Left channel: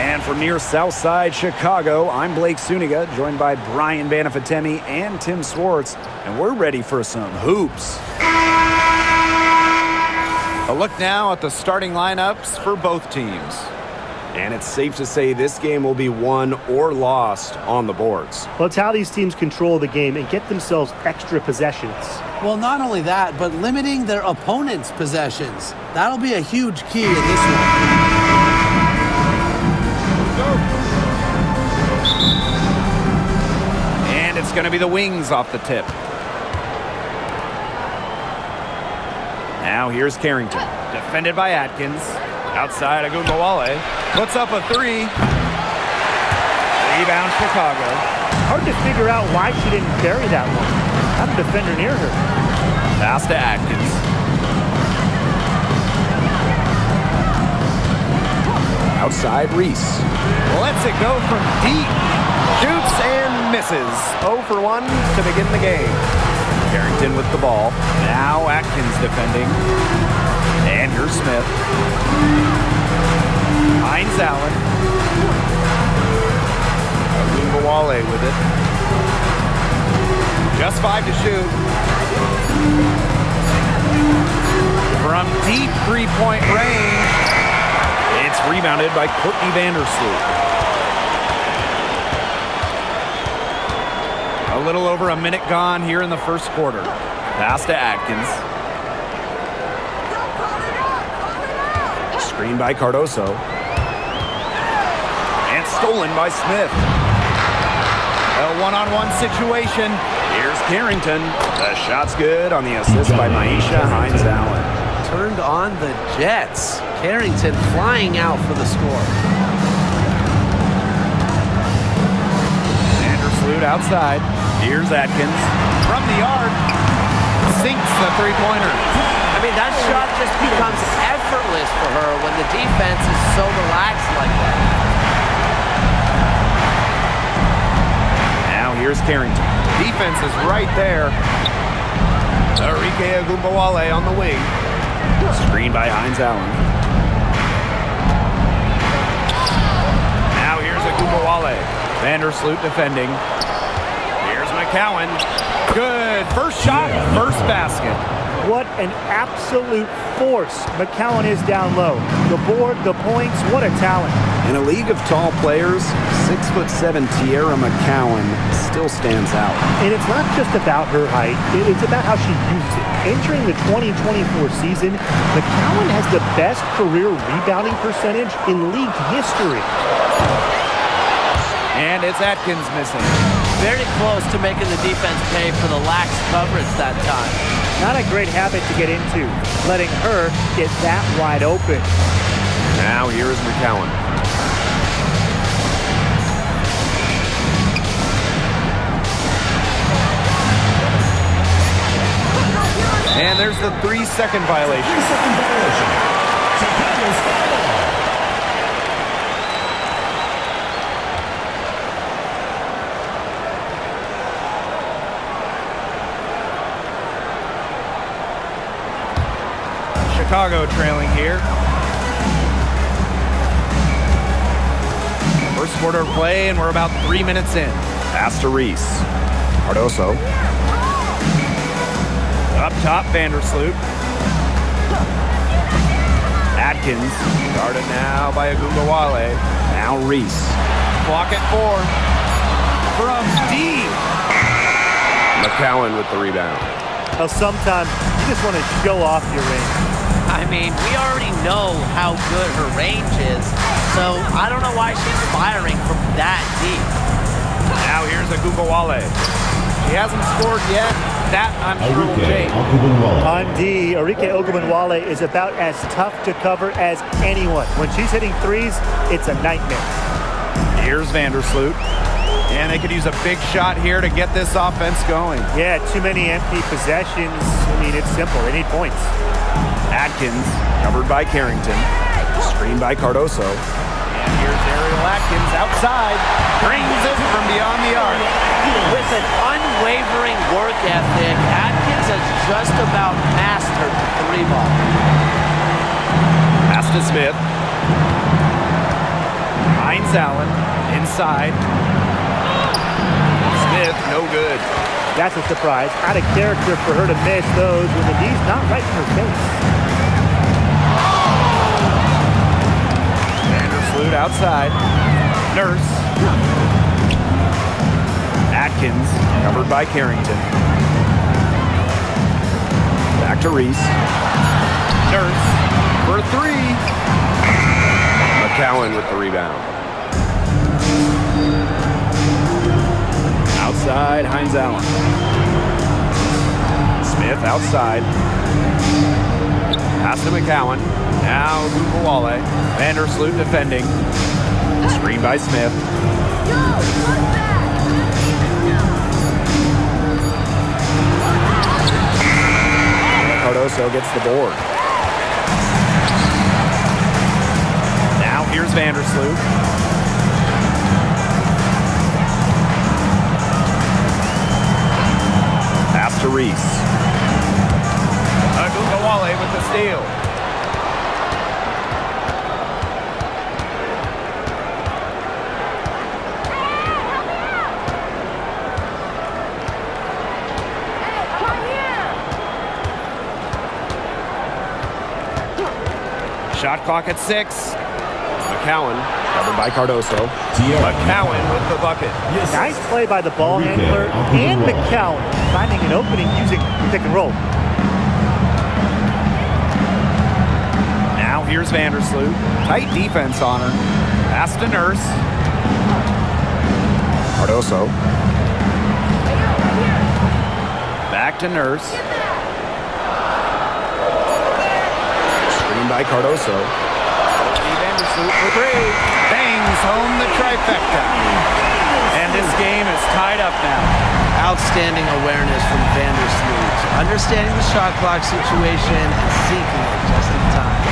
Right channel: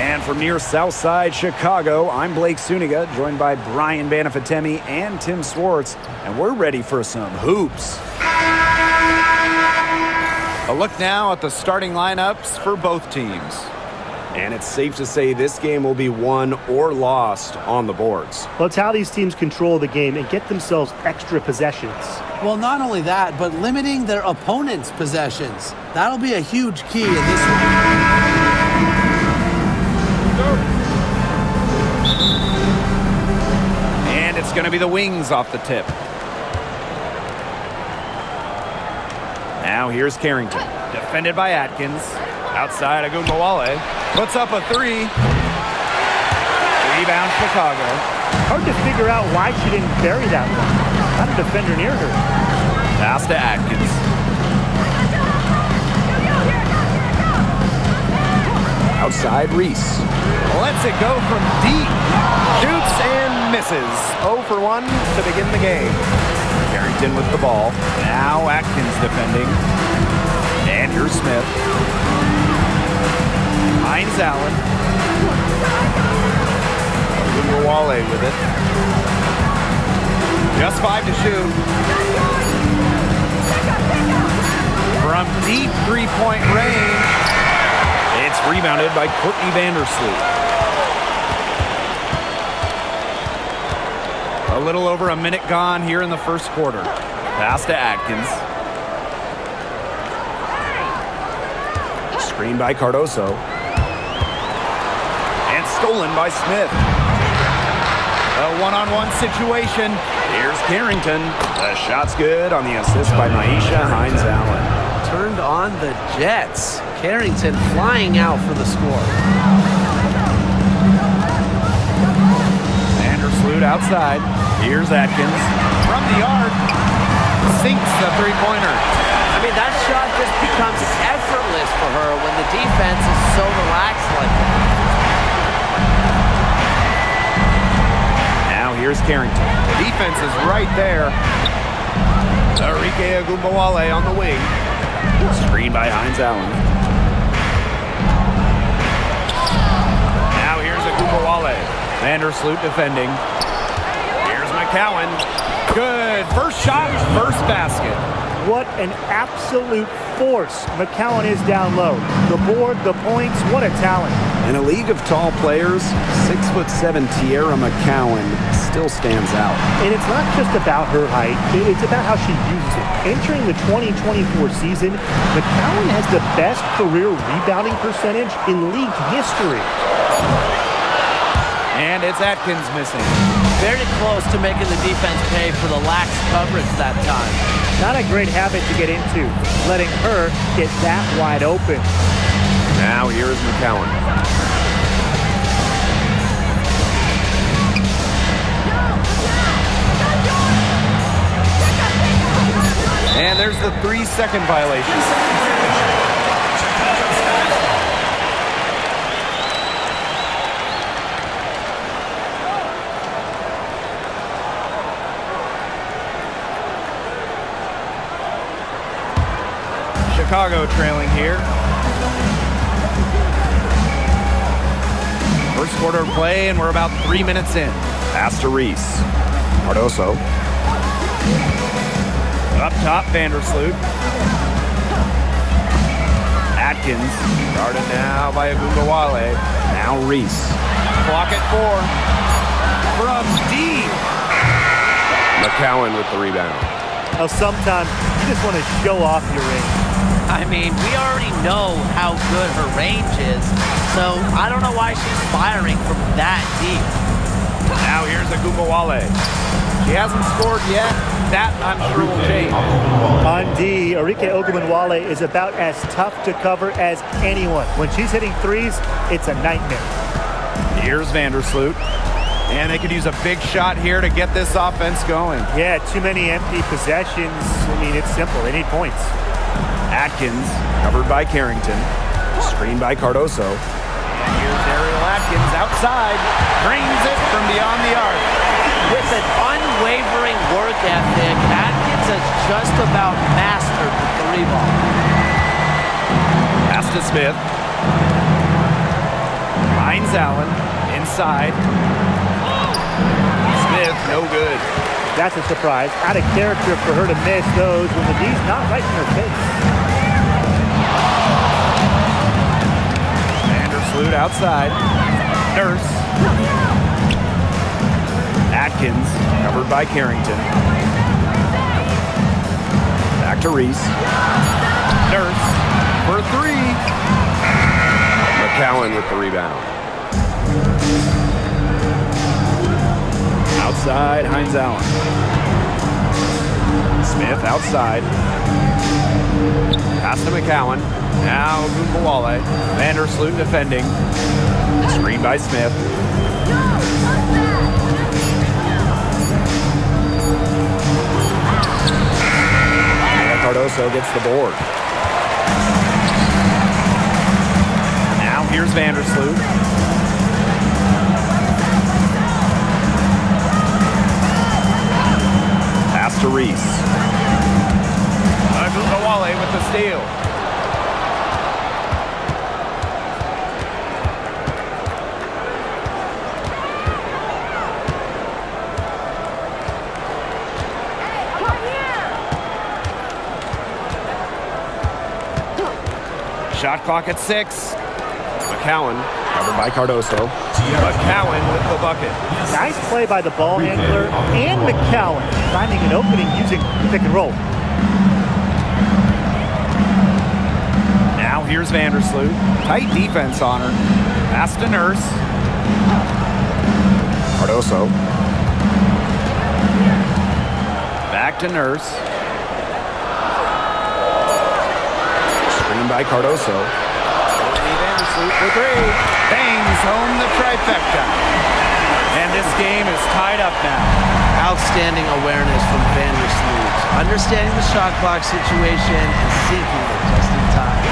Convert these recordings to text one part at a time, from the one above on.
And from near Southside Chicago, I'm Blake Suniga, joined by Brian Banafatemi and Tim Swartz, and we're ready for some hoops. A look now at the starting lineups for both teams. And it's safe to say this game will be won or lost on the boards. Well, it's how these teams control the game and get themselves extra possessions. Well, not only that, but limiting their opponent's possessions. That'll be a huge key in this one. And it's going to be the Wings off the tip. Now here's Carrington. Defended by Atkins. Outside, Agumbawale puts up a three. Rebound, Chicago. Hard to figure out why she didn't bury that one. Not a defender near her. Pass to Atkins. Outside, Reese. Lets it go from deep. Shoots and misses. 0 for 1 to begin the game. Carrington with the ball. Now Atkins defending. And here's Smith. Hines Allen. Agumbawale with it. Just 5 to shoot. From deep three-point range. It's rebounded by Courtney Vandersloot. A little over a minute gone here in the first quarter. Pass to Atkins. Screen by Cardoso. And stolen by Smith. A one-on-one situation. Here's Carrington. The shot's good on the assist by Maisha Hines Allen. Turned on the Jets. Carrington flying out for the score. Vandersloot outside. Here's Atkins. From the arc. Sinks the three-pointer. I mean, that shot just becomes effortless for her when the defense is so relaxed like that. Now here's Carrington. Defense is right there. Arike Agumbawale on the wing. Screen by Hines Allen. Now here's Agumbawale. Vandersloot defending. Here's McCowan. Good. First shot, first basket. What an absolute force McCowan is down low. The board, the points, what a talent. In a league of tall players, 6'7" Tierra McCowan still stands out. And it's not just about her height, it's about how she uses it. Entering the 2024 season, McCowan has the best career rebounding percentage in league history. And it's Atkins missing. Very close to making the defense pay for the lax coverage that time. Not a great habit to get into, letting her get that wide open. Now here is McCowan. And there's the 3-second violation. Chicago trailing here. First quarter of play, and we're about 3 minutes in. Pass to Reese. Cardoso. Up top, Vandersloot. Atkins. Guarded now by Agumbawale. Now Reese. Clock at 4. From deep. McCowan with the rebound. Now sometimes you just want to show off your range. I mean, we already know how good her range is, so I don't know why she's firing from that deep. Now here's Agumbawale. She hasn't scored yet. That, I'm sure, will change. On D, Arike Ogunbowale is about as tough to cover as anyone. When she's hitting threes, it's a nightmare. Here's Vandersloot. And they could use a big shot here to get this offense going. Yeah, too many empty possessions. I mean, it's simple. They need points. Atkins, covered by Carrington. Screened by Cardoso. And here's Ariel Atkins outside. Drains it from beyond the arc. With an unwavering work ethic, Atkins has just about mastered the three ball. Pass to Smith. Hines Allen inside. Smith, no good. That's a surprise. Out of character for her to miss those when the D's not right in her face. Vandersloot outside. Nurse. Atkins, covered by Carrington. Back to Reese. Nurse for three. McCowan with the rebound. Outside, Hines Allen. Smith outside. Pass to McCowan. Now Gumbawale. Vandersloot defending. Screen by Smith. Cardoso gets the board. Now here's Vandersloot. Pass to Reese. Gumbawale with the steal. Shot clock at 6. McCowan Covered by Cardoso. McCowan with the bucket. Nice play by the ball handler and McCowan, finding an opening using the pick and roll. Now here's Vandersloot. Tight defense on her. Pass to Nurse. Cardoso. Back to Nurse. Screen by Cardoso. Vandersloot for three. Bangs home the trifecta. And this game is tied up now. Outstanding awareness from Vandersloot. Understanding the shot clock situation and sinking it just in time.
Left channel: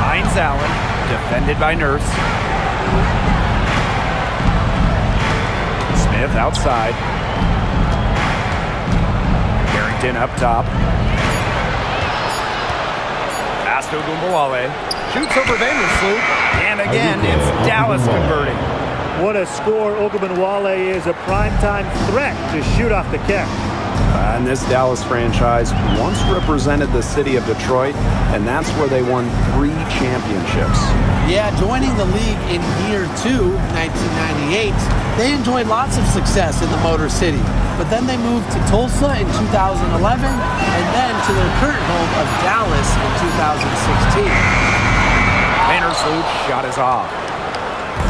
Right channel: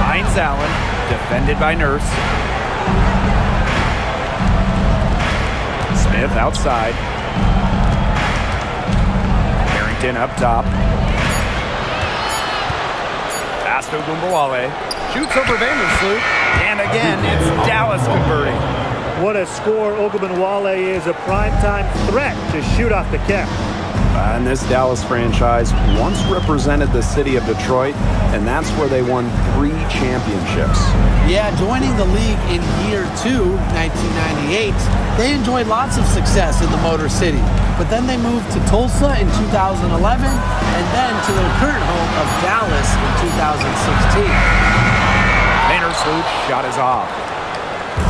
Hines Allen, defended by Nurse. Smith outside. Carrington up top. Pass to Gumbawale. Shoots over Vandersloot. And again, it's Dallas converting. What a score. Ogunbowale is a primetime threat to shoot off the catch. And this Dallas franchise once represented the city of Detroit, and that's where they won 3 championships. Yeah, joining the league in year 2, 1998, they enjoyed lots of success in the Motor City. But then they moved to Tulsa in 2011, and then to their current home of Dallas in 2016. Vandersloot shot is off.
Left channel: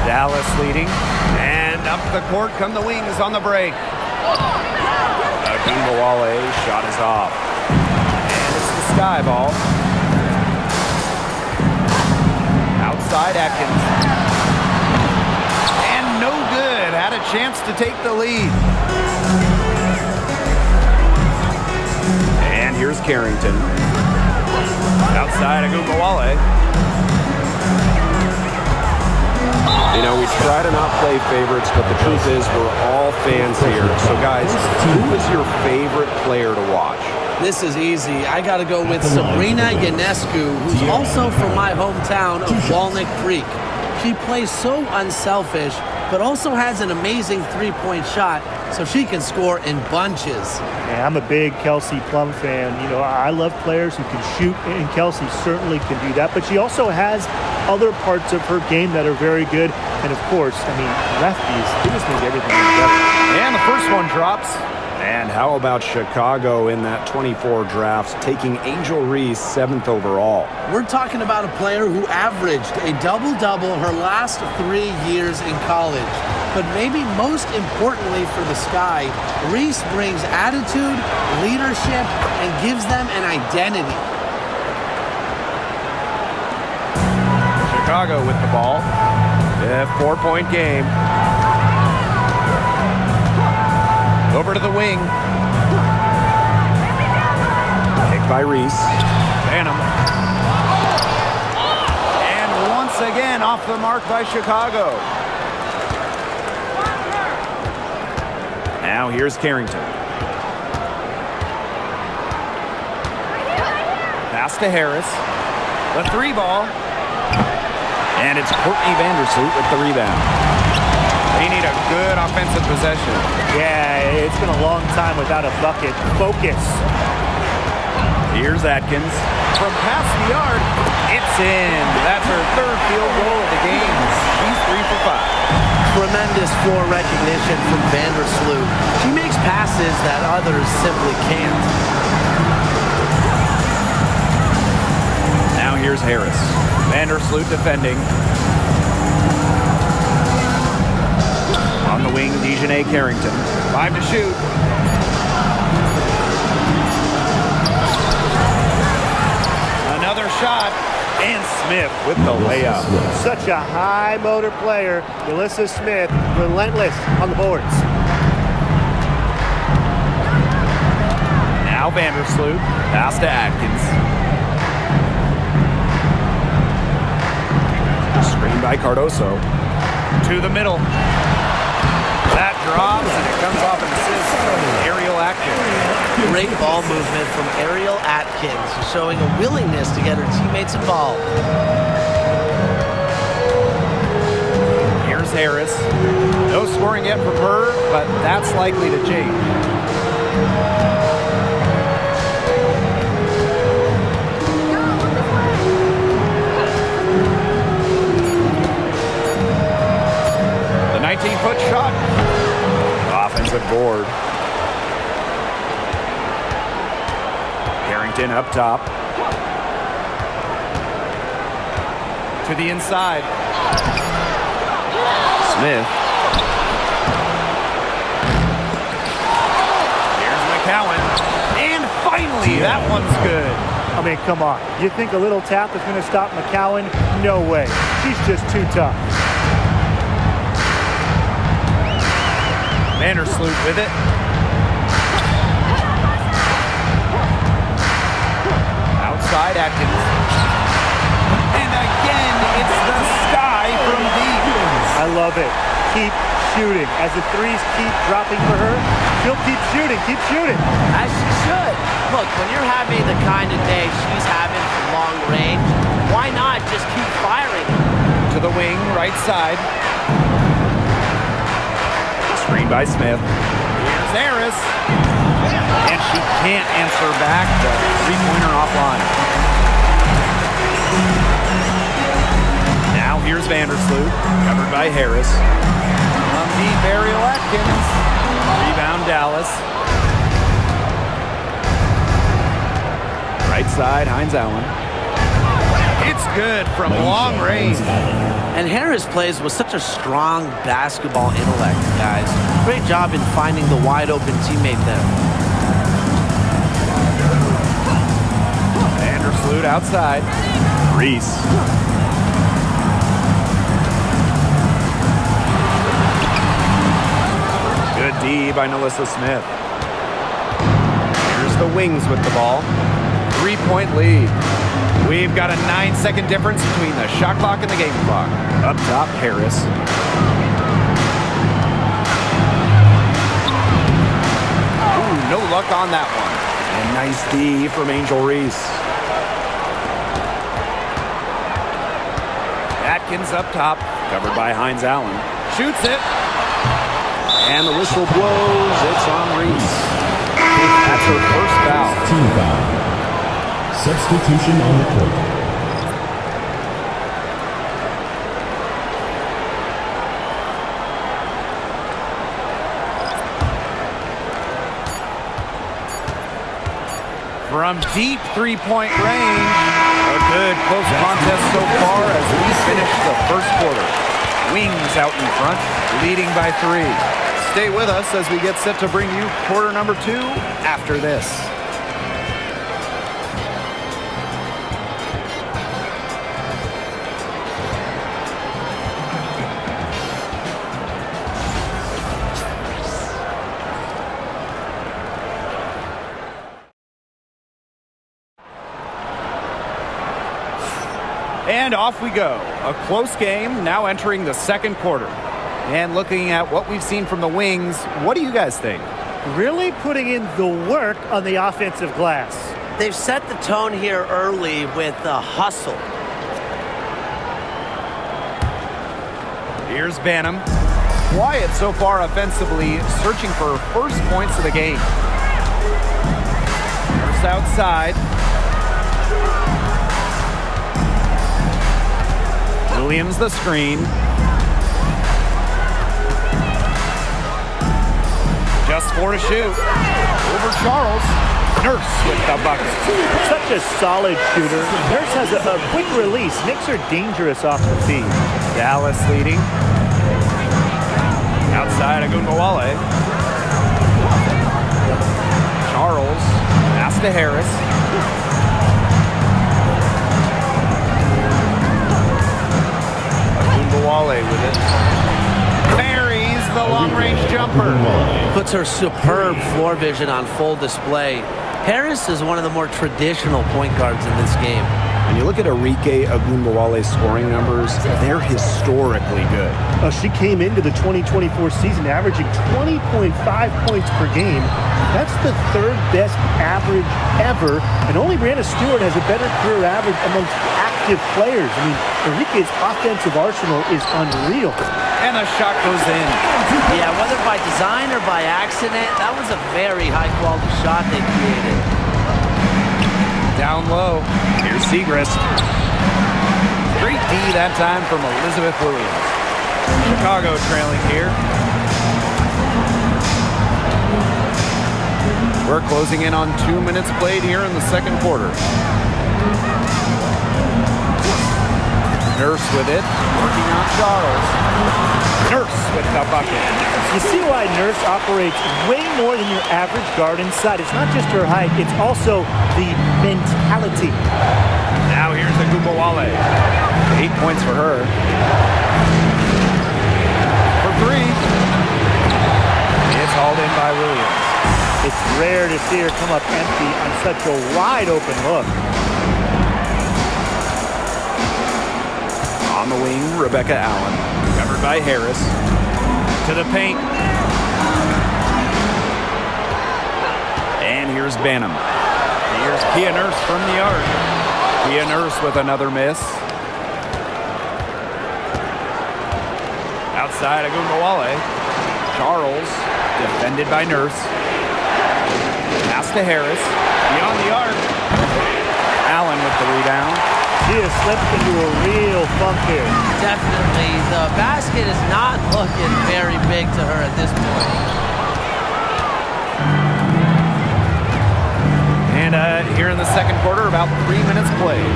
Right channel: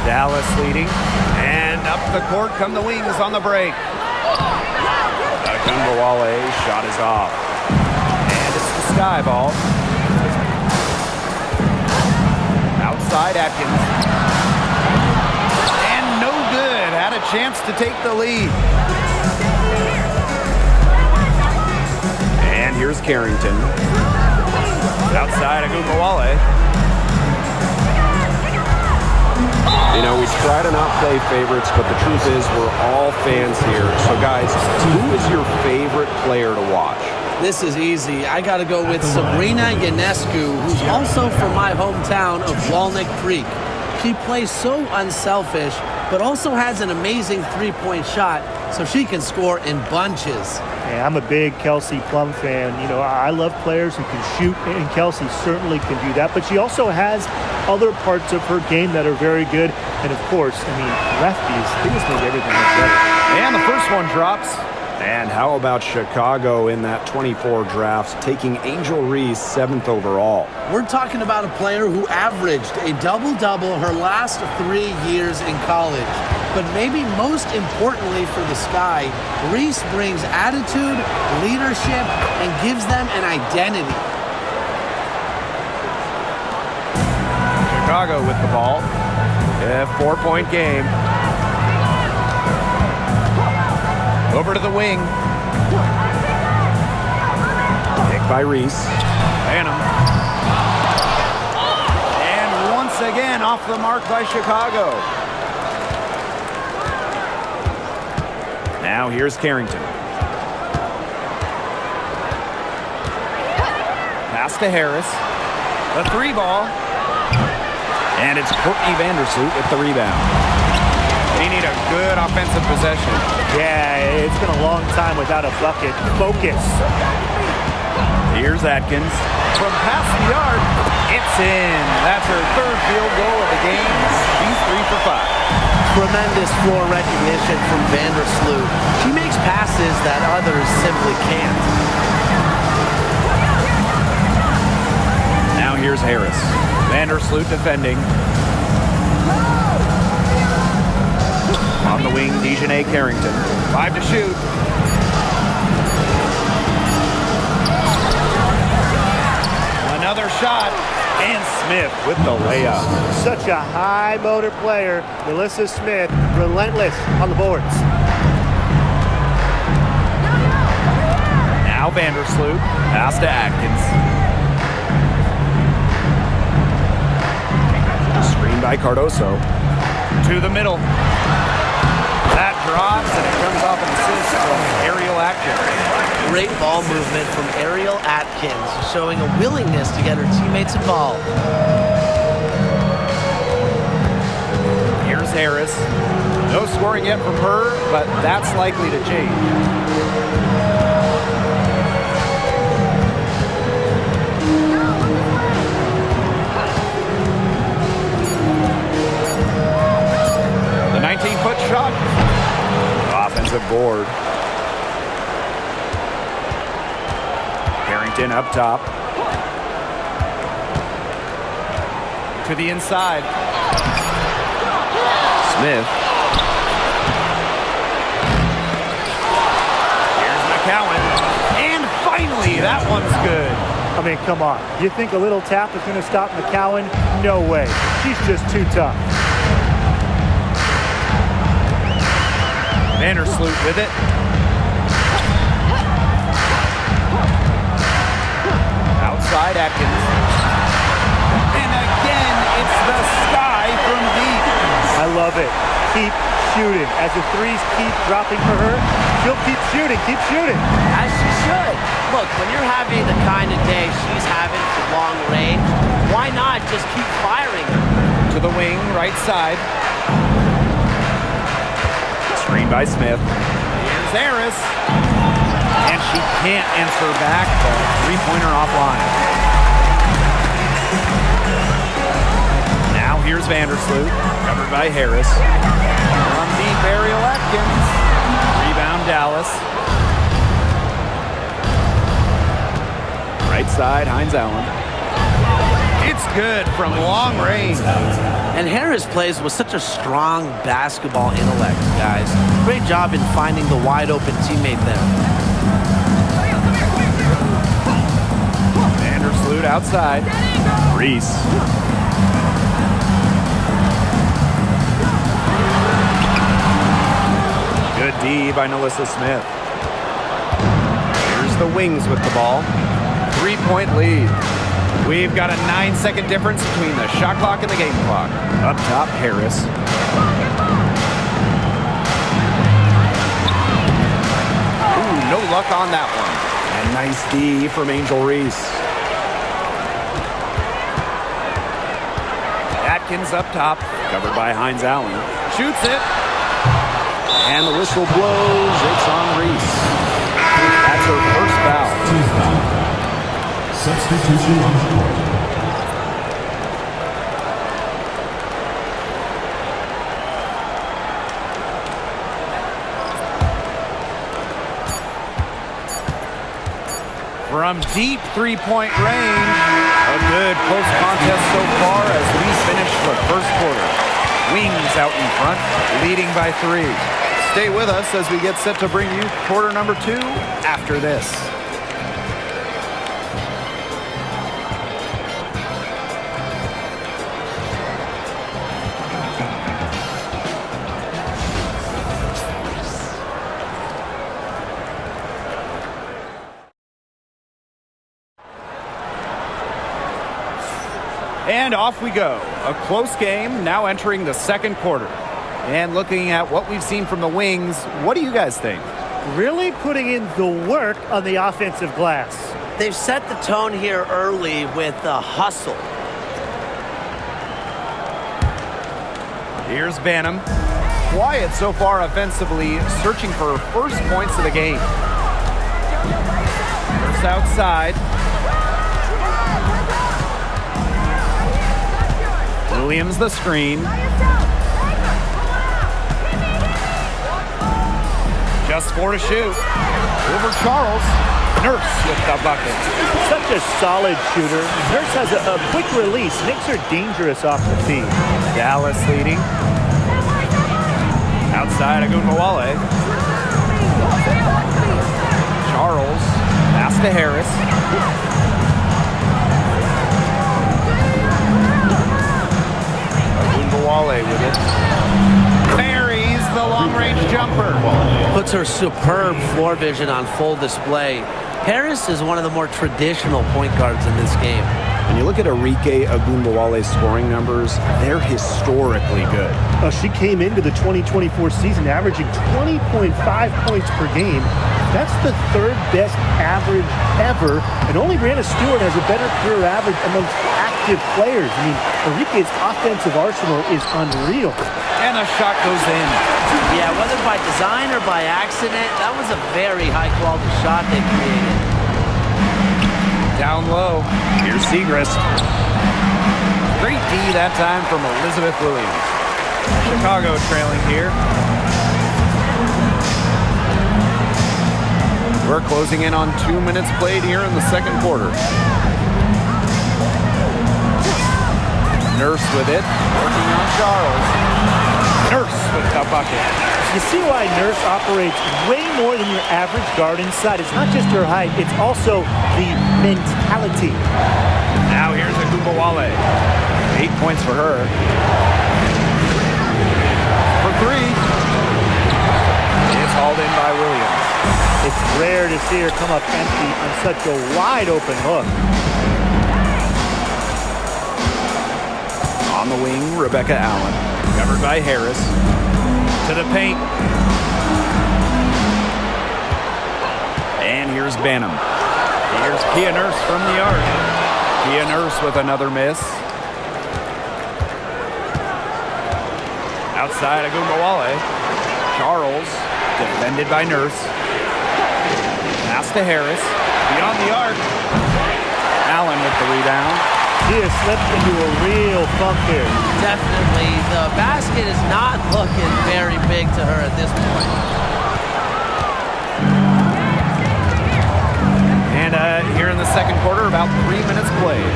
Dallas leading. And up the court come the Wings on the break. Gumbawale shot is off. And it's the Sky ball. Outside Atkins. And no good. Had a chance to take the lead. And here's Carrington. Outside Gumbawale. You know, we try to not play favorites, but the truth is we're all fans here. So, guys, who is your favorite player to watch? This is easy. I got to go with Sabrina Ionescu, who's also from my hometown of Walnut Creek. She plays so unselfish, but also has an amazing three-point shot, so she can score in bunches. Yeah, I'm a big Kelsey Plum fan. You know, I love players who can shoot, and Kelsey certainly can do that. But she also has other parts of her game that are very good. And, of course, I mean, lefties, they just make everything look better. And the first one drops. And how about Chicago in that 24 draft, taking Angel Reese 7th overall? We're talking about a player who averaged a double-double her last 3 years in college. But maybe most importantly for the Sky, Reese brings attitude, leadership, and gives them an identity. Chicago with the ball. A 4-point game. Over to the wing. Picked by Reese. Phantom. And once again off the mark by Chicago. Now here's Carrington. Pass to Harris. The 3 ball. And it's Courtney Vandersloot with the rebound. They need a good offensive possession. Yeah, it's been a long time without a bucket. Focus. Here's Atkins. From past the arc, it's in. That's her third field goal of the game. She's 3 for 5. Tremendous floor recognition from Vandersloot. She makes passes that others simply can't. Now here's Harris. Vandersloot defending. On the wing, Dejanay Carrington. 5 to shoot. Another shot. And Smith with the layup. Such a high motor player. Melissa Smith, relentless on the boards. Now Vandersloot. Pass to Atkins. Screen by Cardoso. To the middle. That drops, and it comes off an assist from Ariel Atkins. Great ball movement from Ariel Atkins, showing a willingness to get her teammates involved. Here's Harris. No scoring yet from her, but that's likely to change. The 19-foot shot. Offensive board. Carrington up top. To the inside. Smith. Here's McCowan. And finally, that one's good. I mean, come on. You think a little tap is going to stop McCowan? No way. She's just too tough. Vandersloot with it. Outside Atkins. And again, it's the sky from deep. I love it. Keep shooting. As the threes keep dropping for her, she'll keep shooting. Keep shooting. As she should. Look, when you're having the kind of day she's having from long range, why not just keep firing them? To the wing, right side. Screen by Smith. Here's Harris. And she can't answer back the three-pointer offline. Now here's Vandersloot. Covered by Harris. From deep, Ariel Atkins. Rebound Dallas. Right side, Hines Allen. It's good from long range. And Harris plays with such a strong basketball intellect, guys. Great job in finding the wide open teammate there. Vandersloot outside. Reese. Good D by Melissa Smith. Here's the Wings with the ball. 3-point lead. We've got a 9-second difference between the shot clock and the game clock. Up top, Harris. Ooh, no luck on that one. And nice D from Angel Reese. Atkins up top. Covered by Hines Allen. Shoots it. And the whistle blows. It's on Reese. That's her first foul. Team foul. Substitution on the court. From deep three-point range. A good close contest so far as we finish the first quarter. Wings out in front, leading by 3. Stay with us as we get set to bring you quarter number 2 after this. And off we go. A close game now entering the second quarter. And looking at what we've seen from the Wings, what do you guys think? Really putting in the work on the offensive glass. They've set the tone here early with the hustle. Here's Banham. Quiet so far offensively, searching for first points of the game. Nurse outside. Williams the screen. Just 4 to shoot. Over Charles. Nurse with the bucket. Such a solid shooter. Nurse has a quick release. Knicks are dangerous off the feed. Dallas leading. Outside Agunbowale. Charles. Pass to Harris. Agunbowale with it. Buries the long-range jumper. Puts her superb floor vision on full display. Harris is one of the more traditional point guards in this game. And you look at Arike Agunbowale's scoring numbers, they're historically good. She came into the 2024 season averaging 20.5 points per game. That's the third best average ever, and only Brianna Stewart has a better career average amongst active players. I mean, Arike's offensive arsenal is unreal. And a shot goes in. Yeah, whether by design or by accident, that was a very high-quality shot they created. Down low. Here's Segrist. Great D that time from Elizabeth Williams. Chicago trailing here. We're closing in on 2 minutes played here in the second quarter. Nurse with it, working on Charles. Nurse with the bucket. You see why Nurse operates way more than your average guard inside. It's not just her height, it's also the mentality. Now here's Agunbowale. 8 points for her. For 3. It's hauled in by Williams. It's rare to see her come up empty on such a wide open look. On the wing, Rebecca Allen. Covered by Harris. To the paint. And here's Banham. Here's Kia Nurse from the arc. Kia Nurse with another miss. Outside Agunbowale. Charles, defended by Nurse. Pass to Harris. Beyond the arc. Allen with the rebound. She has slipped into a real funk here. Definitely. The basket is not looking very big to her at this point. And here in the second quarter, about 3 minutes played.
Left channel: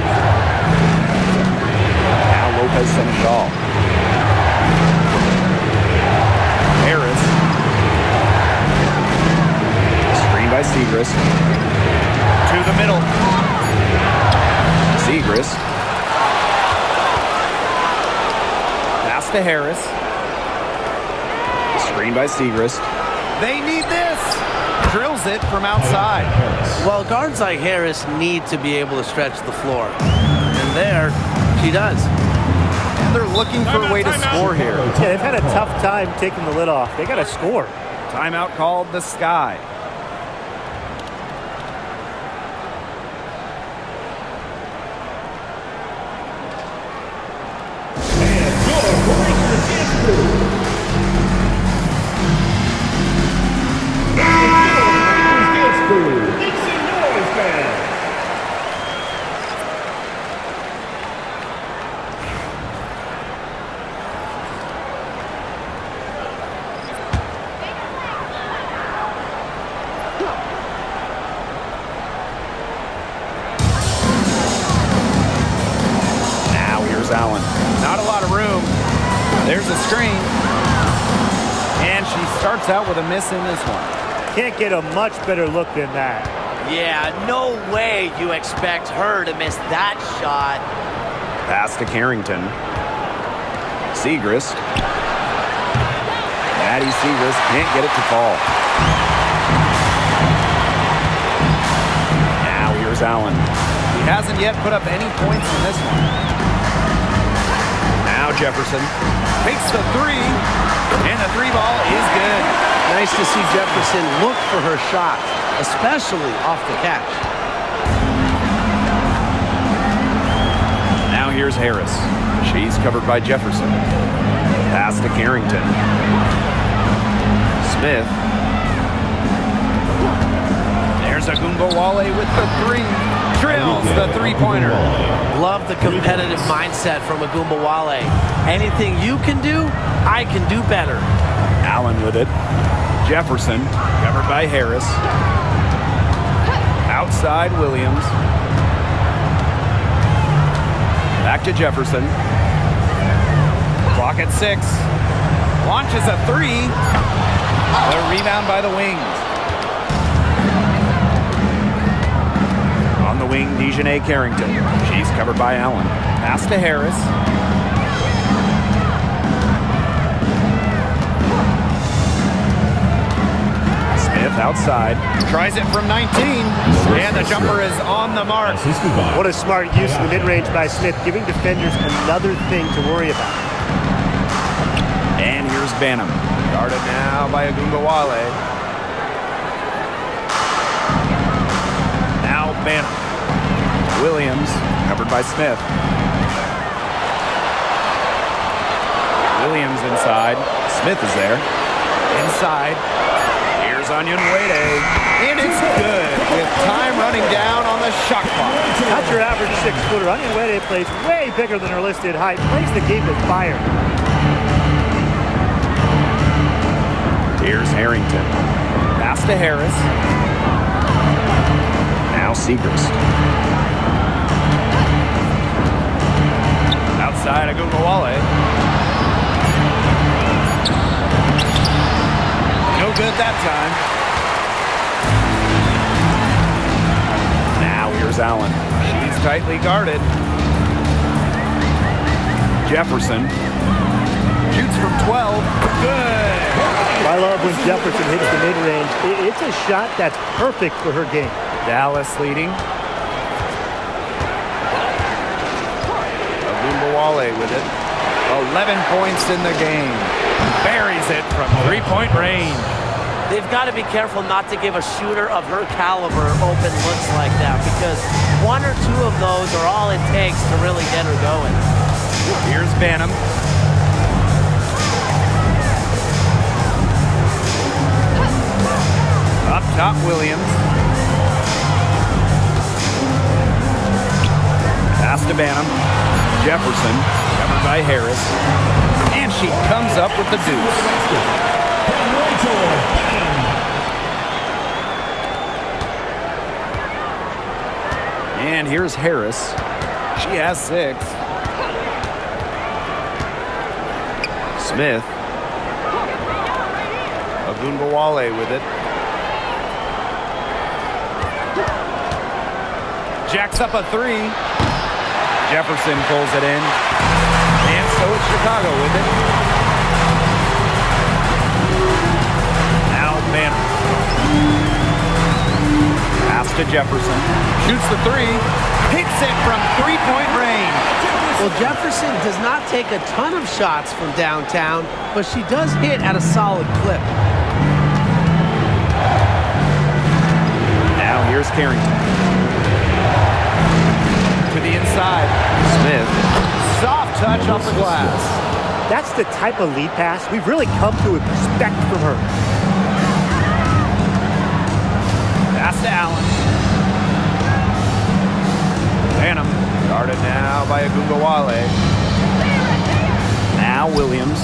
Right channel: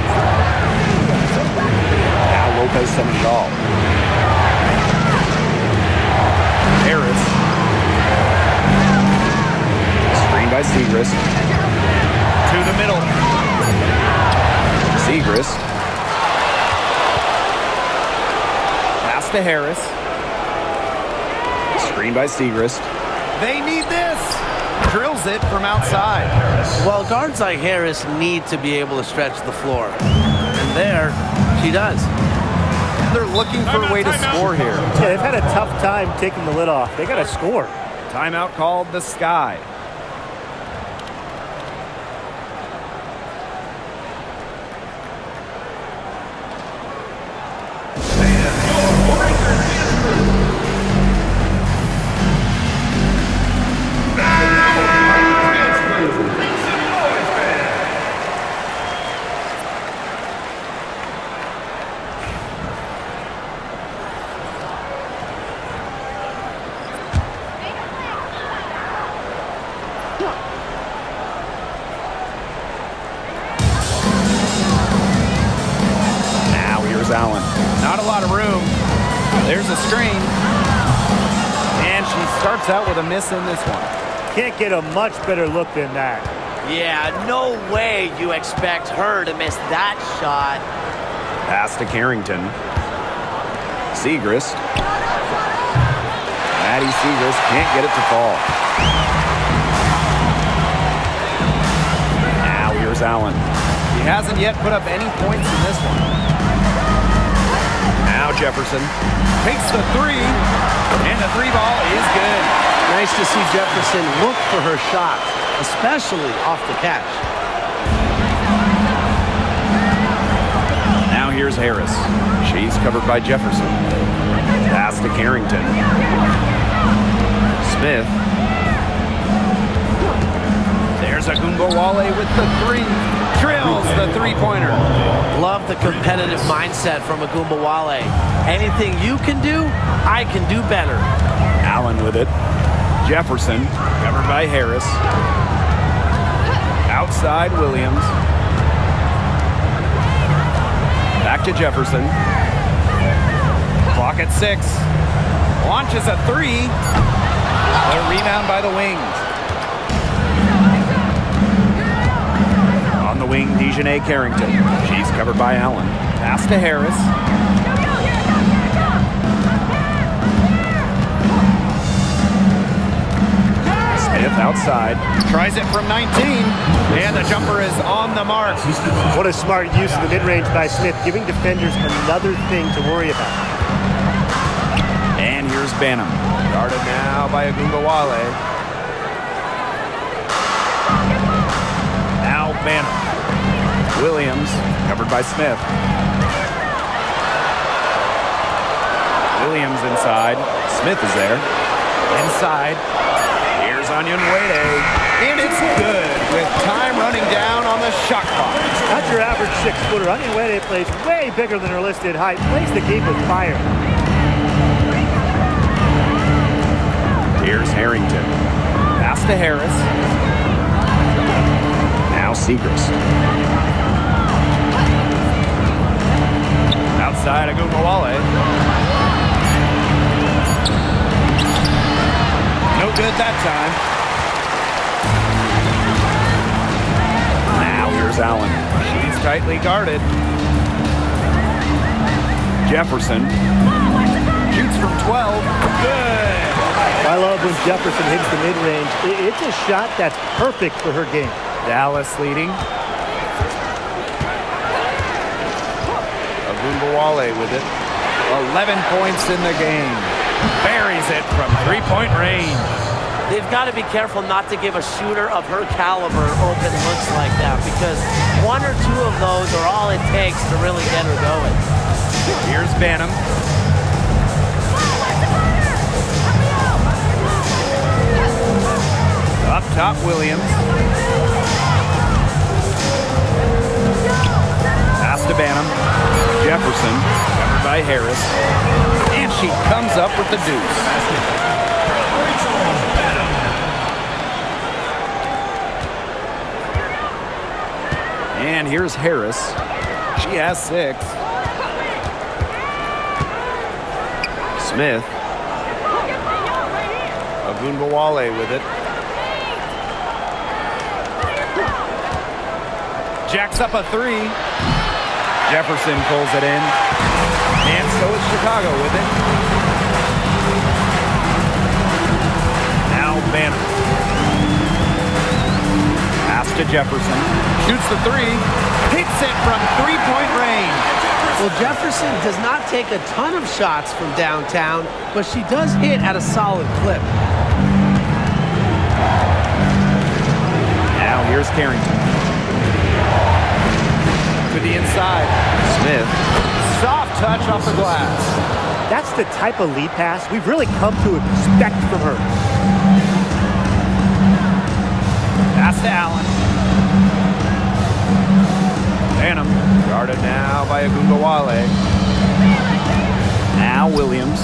Now Lopez Seneschal. Harris. Screen by Segrist. To the middle. Segrist. Pass to Harris. Screen by Segrist. They need this. Drills it from outside. Well, guards like Harris need to be able to stretch the floor. And there, she does. And they're looking for a way to score here. Yeah, they've had a tough time taking the lid off. They got to score. Timeout called the Sky. Allen. Not a lot of room. There's a screen. And she starts out with a miss in this one. Can't get a much better look than that. Yeah, no way you expect her to miss that shot. Pass to Carrington. Segrist. Maddie Segrist can't get it to fall. Now here's Allen. He hasn't yet put up any points in this one. Now Jefferson takes the 3, and the 3 ball is good. Nice to see Jefferson look for her shot, especially off the catch. Now here's Harris. She's covered by Jefferson. Pass to Carrington. Smith. There's Agunbowale with the three. Drills the three-pointer. Love the competitive mindset from Agunbowale. Anything you can do, I can do better. Allen with it. Jefferson, covered by Harris. Outside Williams. Back to Jefferson. Clock at 6. Launches a three. The rebound by the Wings. On the wing, Dejanay Carrington. She's covered by Allen. Pass to Harris. Smith outside. Tries it from 19. And the jumper is on the mark. What a smart use of the mid-range by Smith, giving defenders another thing to worry about. And here's Banham. Guarded now by Agunbowale. Now Banham. Williams, covered by Smith. Williams inside. Smith is there. Inside. Here's Onyenwere. And it's good with time running down on the shot clock. Not your average 6-footer. Onyenwere plays way bigger than her listed height. Plays the game with fire. Here's Harrington. Pass to Harris. Now Segrist. Outside Agunbowale. No good that time. Now here's Allen. She's tightly guarded. Jefferson. Shoots from 12. Good. I love when Jefferson hits the mid-range. It's a shot that's perfect for her game. Dallas leading. Agunbowale with it. 11 points in the game. Buries it from three-point range. They've got to be careful not to give a shooter of her caliber open looks like that, because one or two of those are all it takes to really get her going. Here's Banham. Up top, Williams. Pass to Banham. Jefferson, covered by Harris. And she comes up with the deuce. And here's Harris. She has 6. Smith. Agunbowale with it. Jacks up a 3. Jefferson pulls it in. And so it's Chicago with it. Now Banner. Pass to Jefferson. Shoots the 3. Hits it from three-point range. Well, Jefferson does not take a ton of shots from downtown, but she does hit at a solid clip. Now here's Carrington. To the inside. Smith. Soft touch off the glass. That's the type of lead pass we've really come to expect from her. Pass to Allen. Banham. Guarded now by Agunbowale. Now Williams.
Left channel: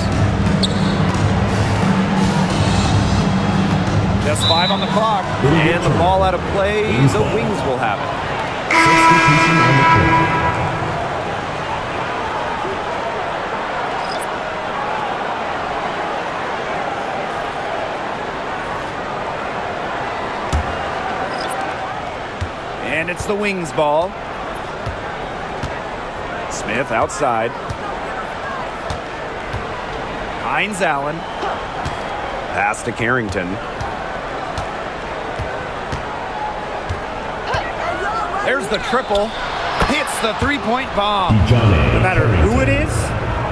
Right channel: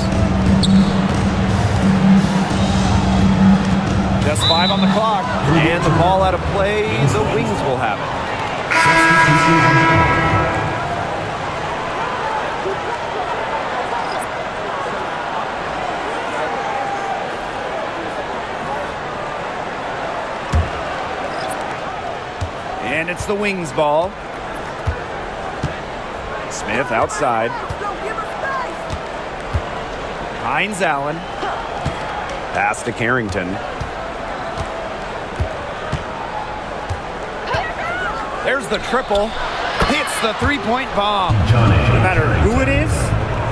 Just 5 on the clock. And the ball out of play. The Wings will have it. Substitution on the court. And it's the Wings ball. Smith outside. Hines Allen. Pass to Carrington. There's the triple. Hits the three-point bomb. No matter who it is,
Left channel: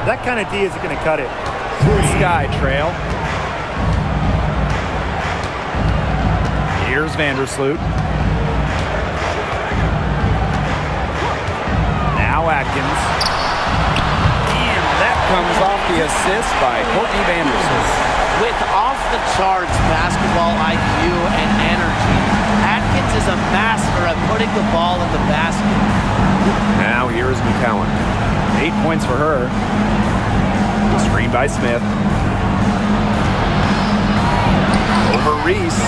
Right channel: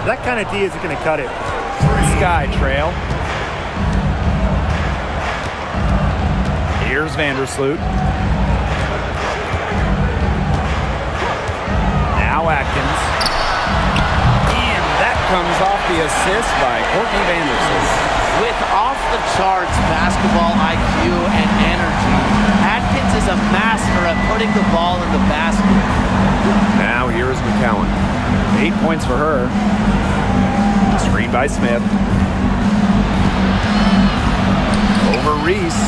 that kind of D isn't going to cut it. Sky trail. Here's Vandersloot. Now Atkins. And That comes off the assist by Courtney Vandersloot. With off-the-charts basketball IQ and energy, Atkins is a master at putting the ball in the basket. Now here is McCowan. 8 points for her. Screen by Smith. Over Reese.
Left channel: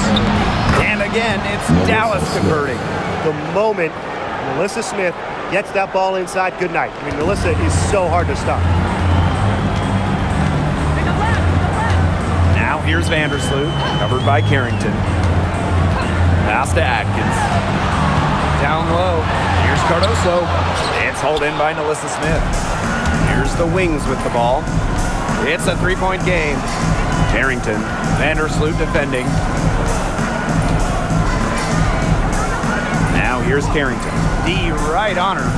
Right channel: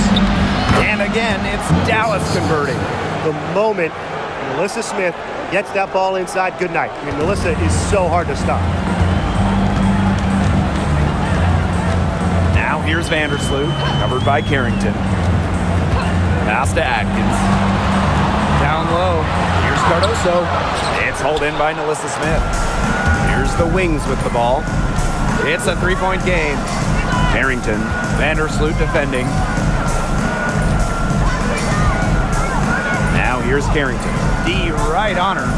And again, it's Dallas converting. The moment Melissa Smith gets that ball inside, good night. I mean, Melissa is so hard to stop. Now here's Vandersloot, covered by Carrington. Pass to Atkins. Down low. Here's Cardoso. It's hauled in by Melissa Smith. Here's the Wings with the ball. It's a three-point game. Carrington. Vandersloot defending. Now here's Carrington. D right on her.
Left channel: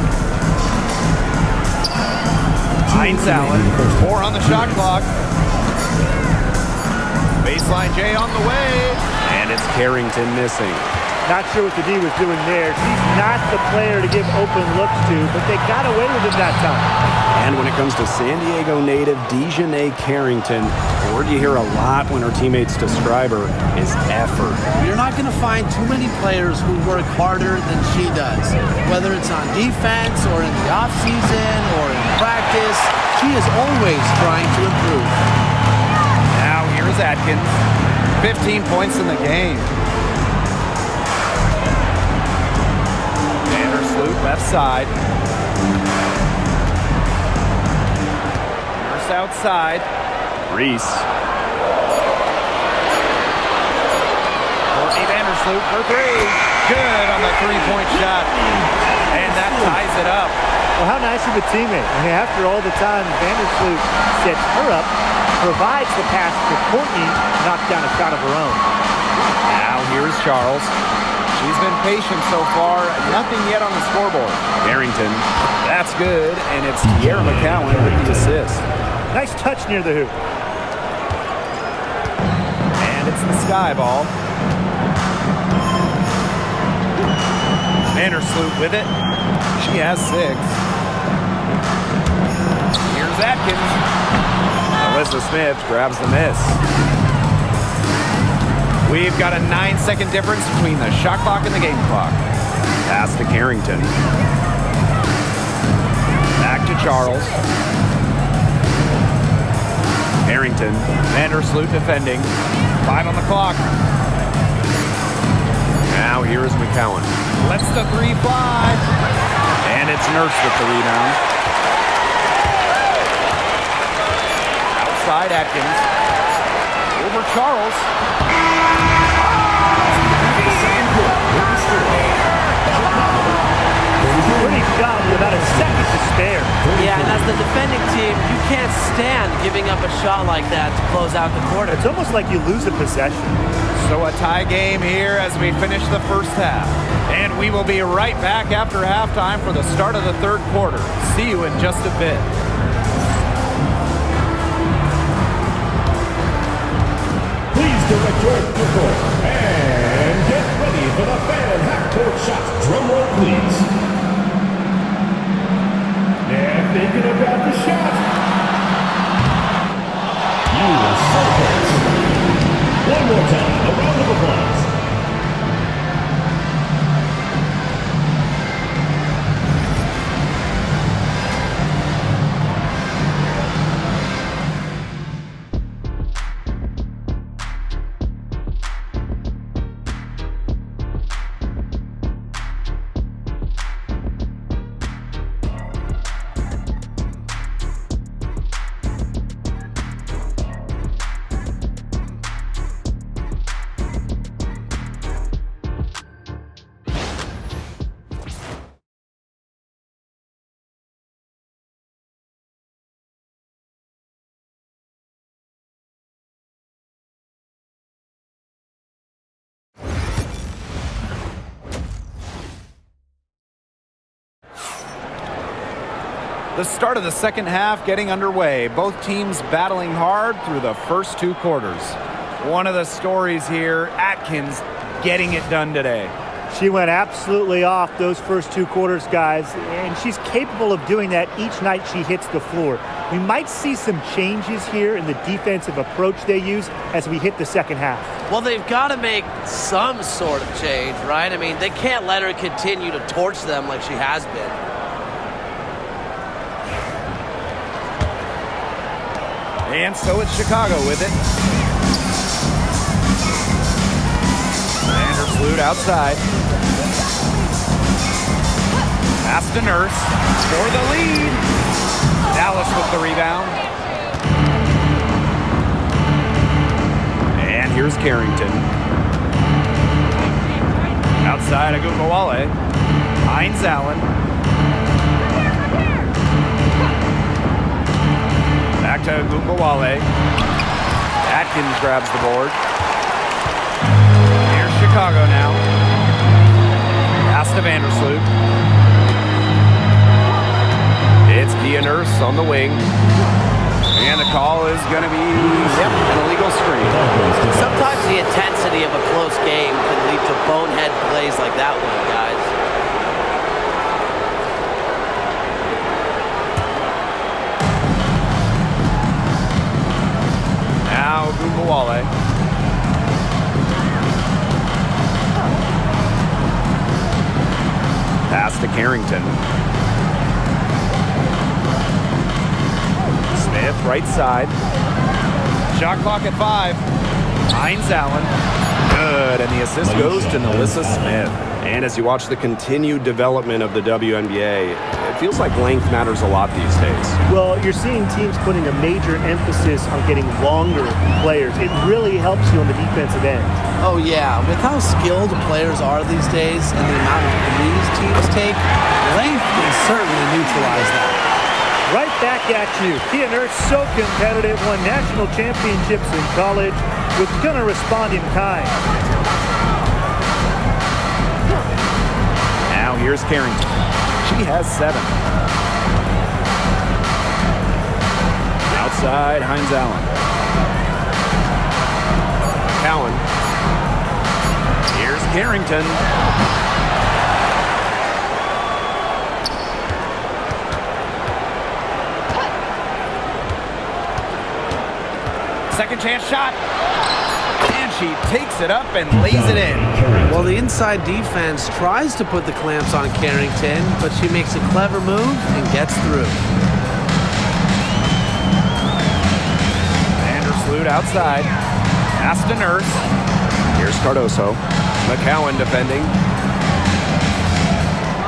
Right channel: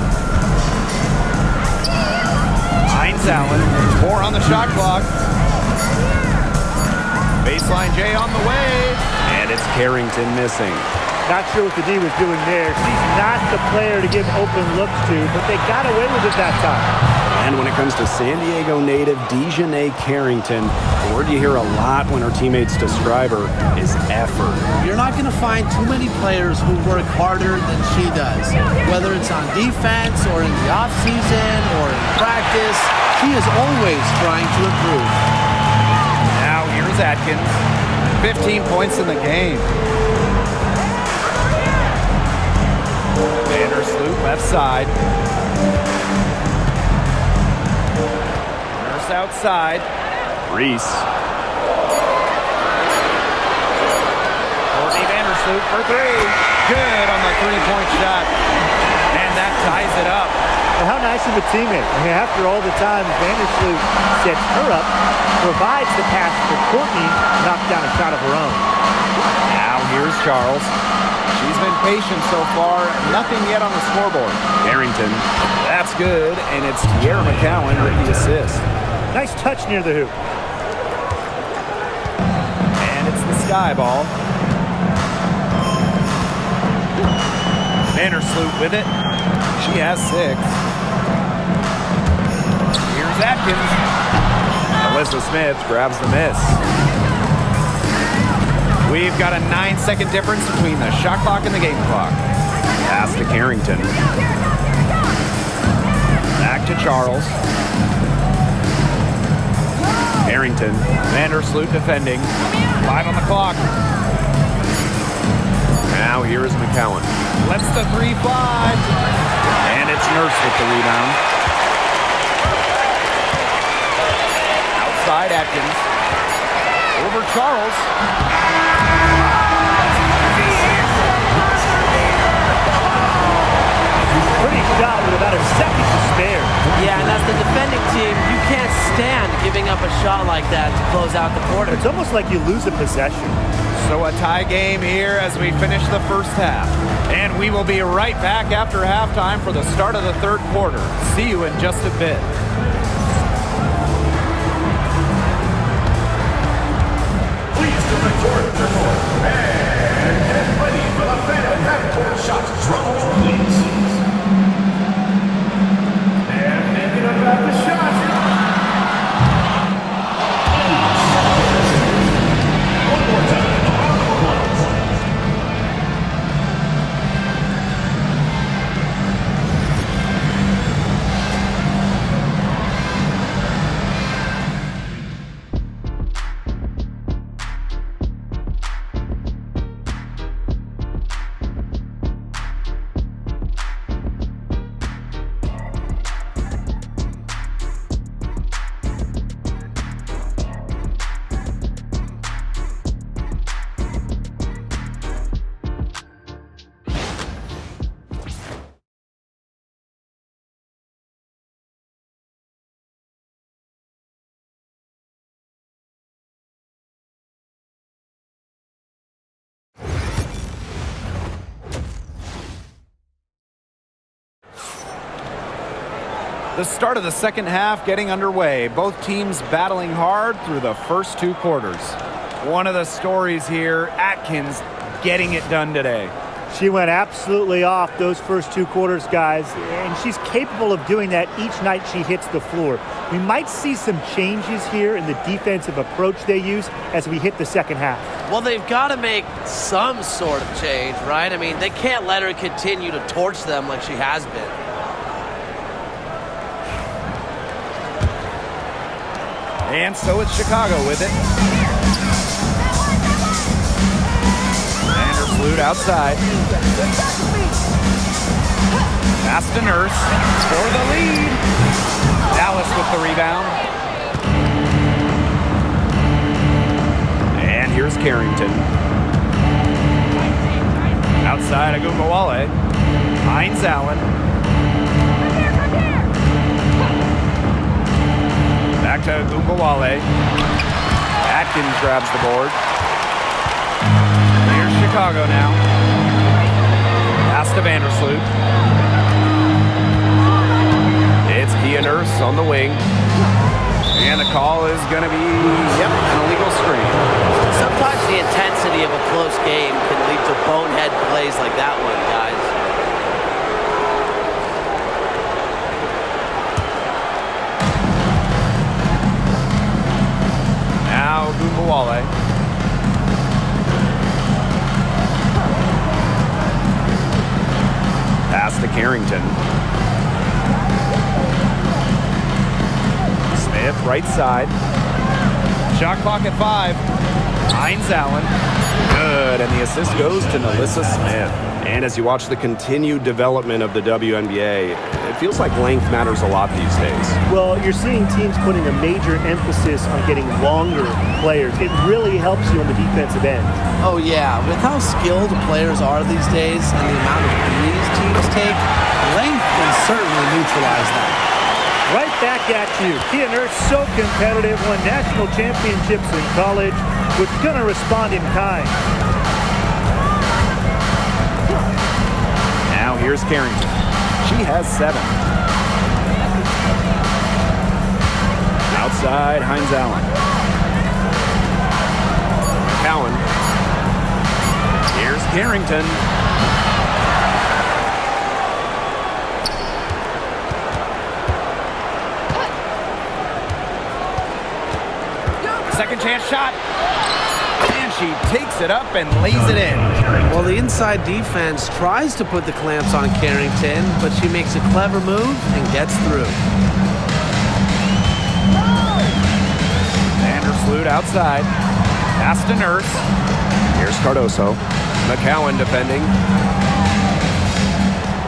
Hines Allen. 4 on the shot clock. Baseline J on the way. And it's Carrington missing. Not sure what the D was doing there. She's not the player to give open looks to, but they got away with it that time. And when it comes to San Diego native Dejanay Carrington, a word you hear a lot when her teammates describe her is effort. You're not going to find too many players who work harder than she does. Whether it's on defense or in the offseason or in practice, she is always trying to improve. Now here's Atkins. 15 points in the game. Vandersloot left side. Nurse outside. Reese. Courtney Vandersloot for 3. Good on the three-point shot. And that ties it up. Well, how nice of a teammate. I mean, after all the time Vandersloot sets her up, provides the pass for Courtney to knock down a shot of her own. Now here's Charles. She's been patient so far. Nothing yet on the scoreboard. Carrington. That's good, and it's Tierra McCowan with the assist. Nice touch near the hoop. And it's the sky ball. Vandersloot with it. She has 6. Here's Atkins. Melissa Smith grabs the miss. We've got a 9-second difference between the shot clock and the game clock. Pass to Carrington. Back to Charles. Carrington. Vandersloot defending. 5 on the clock. Now here is McCowan. Lets the 3 fly. And it's Nurse with the rebound. Outside Atkins. Over Charles. Pretty shot with about a second to spare. Yeah, and as the defending team, you can't stand giving up a shot like that to close out the quarter. It's almost like you lose a possession. So a tie game here as we finish the first half. And we will be right back after halftime for the start of the third quarter. See you in just a bit. Please direct your court and get ready for the fan half-court shots. Drum roll, please. They're thinking about the shot. One more time, a round of applause. The start of the second half getting underway. Both teams battling hard through the first 2 quarters. One of the stories here, Atkins getting it done today. She went absolutely off those first 2 quarters, guys, and she's capable of doing that each night she hits the floor. We might see some changes here in the defensive approach they use as we hit the second half. Well, they've got to make some sort of change, right? I mean, they can't let her continue to torch them like she has been. And so it's Chicago with it. Vandersloot outside. Pass to Nurse for the lead. Dallas with the rebound. And here's Carrington. Outside Agumbawale. Hines Allen. Back to Agumbawale. Atkins grabs the board. Here's Chicago now. Pass to Vandersloot. It's Kia Nurse on the wing. And the call is going to be, an illegal screen. Sometimes the intensity of a close game can lead to bonehead plays like that one, guys. Now Agumbawale. Pass to Carrington. Smith, right side. Shot clock at 5. Hines Allen. Good, and the assist goes to Nalissa Smith. And as you watch the continued development of the WNBA, it feels like length matters a lot these days. Well, you're seeing teams putting a major emphasis on getting longer players. It really helps you on the defensive end. Oh, yeah. With how skilled players are these days and the amount of threes teams take, length can certainly neutralize that. Right back at you. Kia Nurse, so competitive, won national championships in college, was going to respond in kind. Now here's Carrington. She has 7. Outside, Hines Allen. McCowan. Here's Carrington. Second chance shot. And she takes it up and lays it in. Well, the inside defense tries to put the clamps on Carrington, but she makes a clever move and gets through. Vandersloot outside. Pass to Nurse. Here's Cardoso. McCowan defending.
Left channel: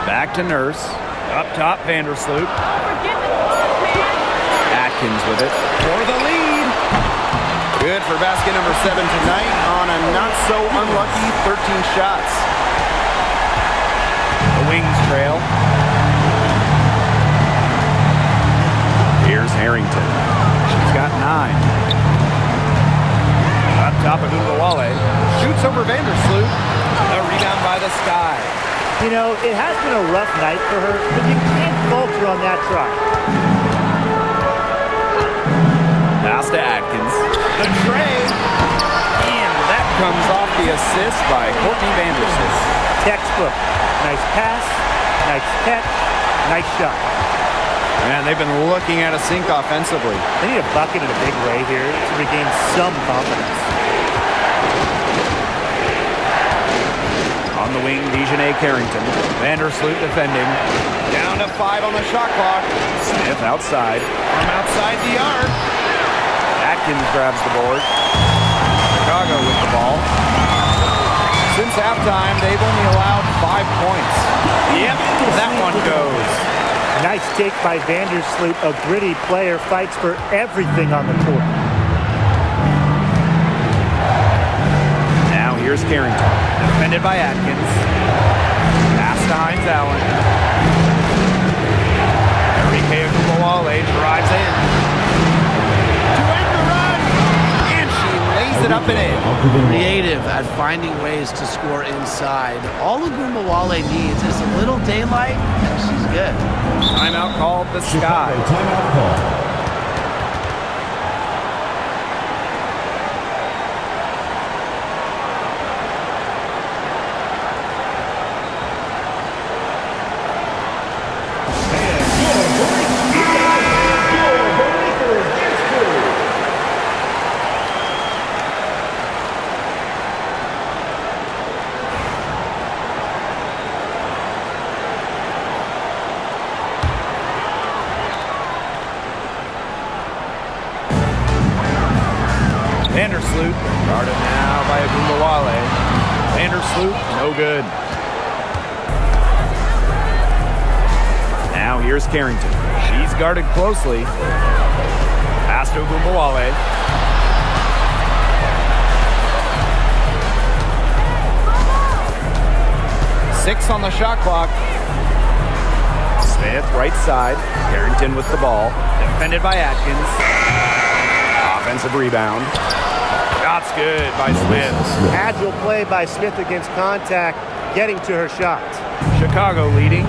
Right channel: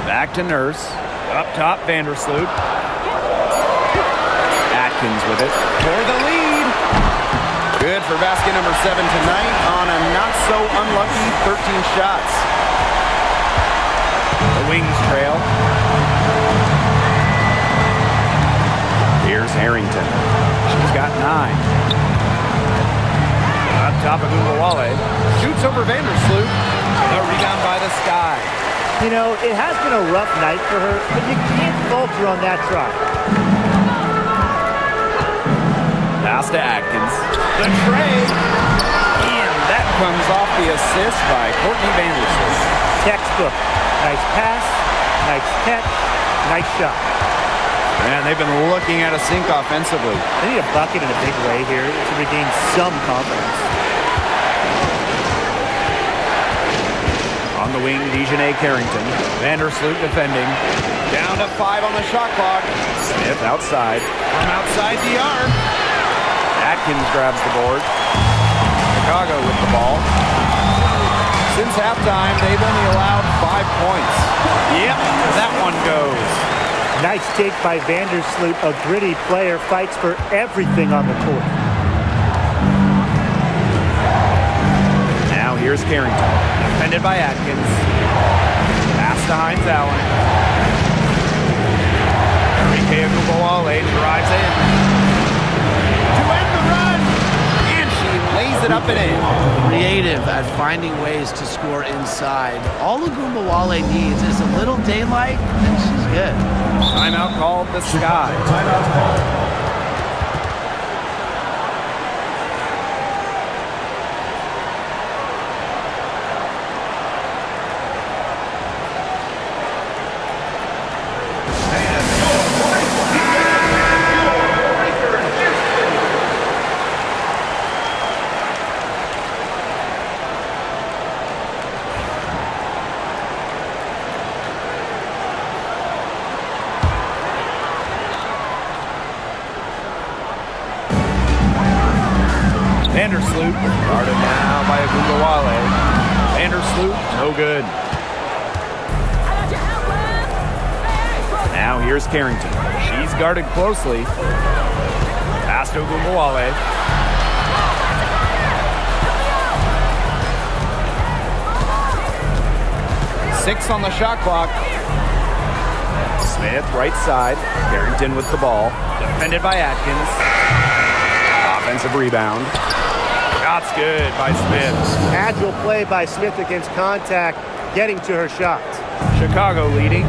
Back to Nurse. Up top, Vandersloot. Atkins with it for the lead. Good for basket number 7 tonight on a not-so-unlucky 13 shots. The Wings trail. Here's Harrington. She's got 9. Up top, Agumbawale shoots over Vandersloot. A rebound by the Sky. You know, it has been a rough night for her, but you can't falter on that try. Pass to Atkins. The tray. And that comes off the assist by Courtney Vandersloot. Textbook. Nice pass, nice catch, nice shot. Man, they've been looking at a sink offensively. They need a bucket in a big way here to regain some confidence. On the wing, Dejanay Carrington. Vandersloot defending. Down to 5 on the shot clock. Smith outside. From outside the arc. Atkins grabs the board. Chicago with the ball. Since halftime, they've only allowed 5 points. Yep, that one goes. Nice take by Vandersloot. A gritty player, fights for everything on the court. Now here's Carrington. Defended by Atkins. Pass to Hines Allen. Enrique Agumbawale drives in. To end the run. And she lays it up and in. Creative at finding ways to score inside. All Agumbawale needs is a little daylight, and she's good. Timeout called the Sky. Timeout call. Vandersloot, guarded now by Agumbawale. Vandersloot, no good. Now here's Carrington. She's guarded closely. Pass to Agumbawale. Six on the shot clock. Smith, right side. Carrington with the ball. Defended by Atkins. Offensive rebound. Shot's good by Smith. Agile play by Smith against contact, getting to her shot. Chicago leading.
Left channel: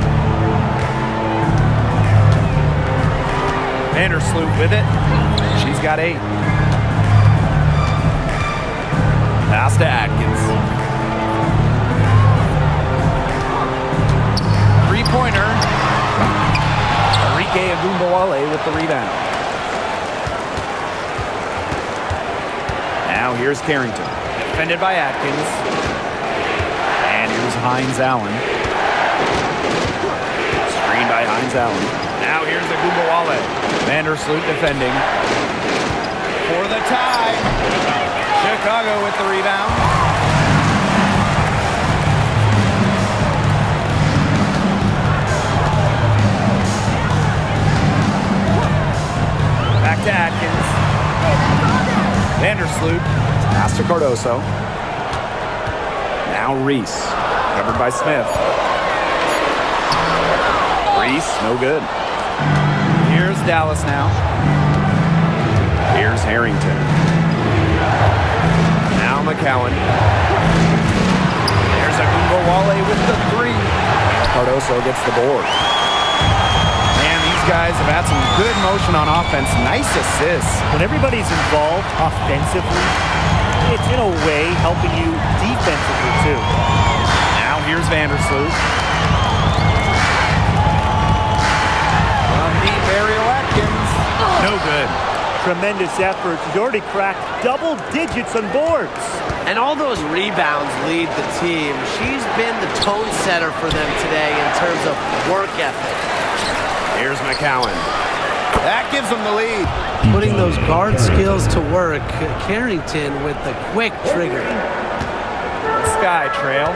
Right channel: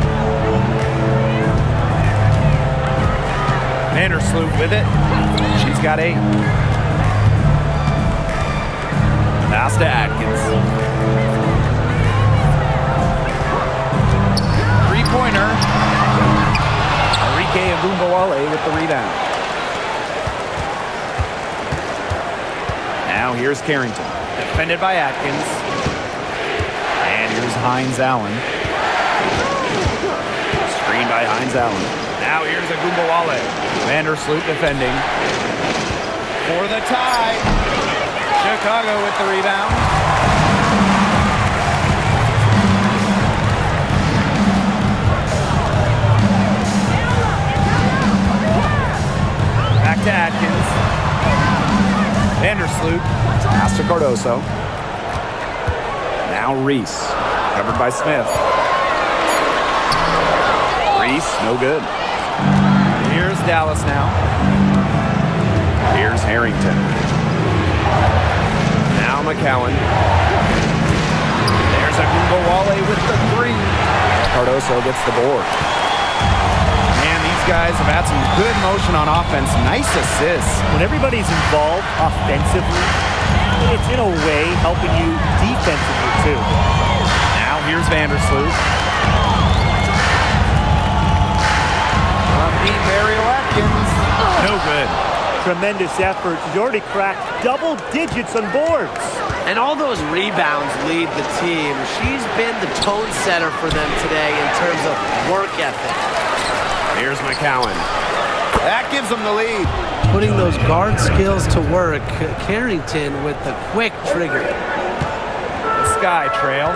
Vandersloot with it. She's got 8. Pass to Atkins. Three-pointer. Arike Agumbawale with the rebound. Now here's Carrington. Defended by Atkins. And here's Hines Allen. Screen by Hines Allen. Now here's Agumbawale. Vandersloot defending. For the tie. Chicago with the rebound. Back to Atkins. Vandersloot. Pass to Cardoso. Now Reese. Covered by Smith. Reese, no good. Here's Dallas now. Here's Harrington. Now McCowan. There's Agumbawale with the 3. Cardoso gets the board. Man, these guys have had some good motion on offense. Nice assists. When everybody's involved offensively, it's in a way helping you defensively too. Now here's Vandersloot. From deep, Ariel Atkins. No good. Tremendous effort. He's already cracked double digits on boards. And all those rebounds lead the team. She's been the tone setter for them today in terms of work ethic. Here's McCowan. That gives them the lead. Putting those guard skills to work. Carrington with the quick trigger. The Sky Trail.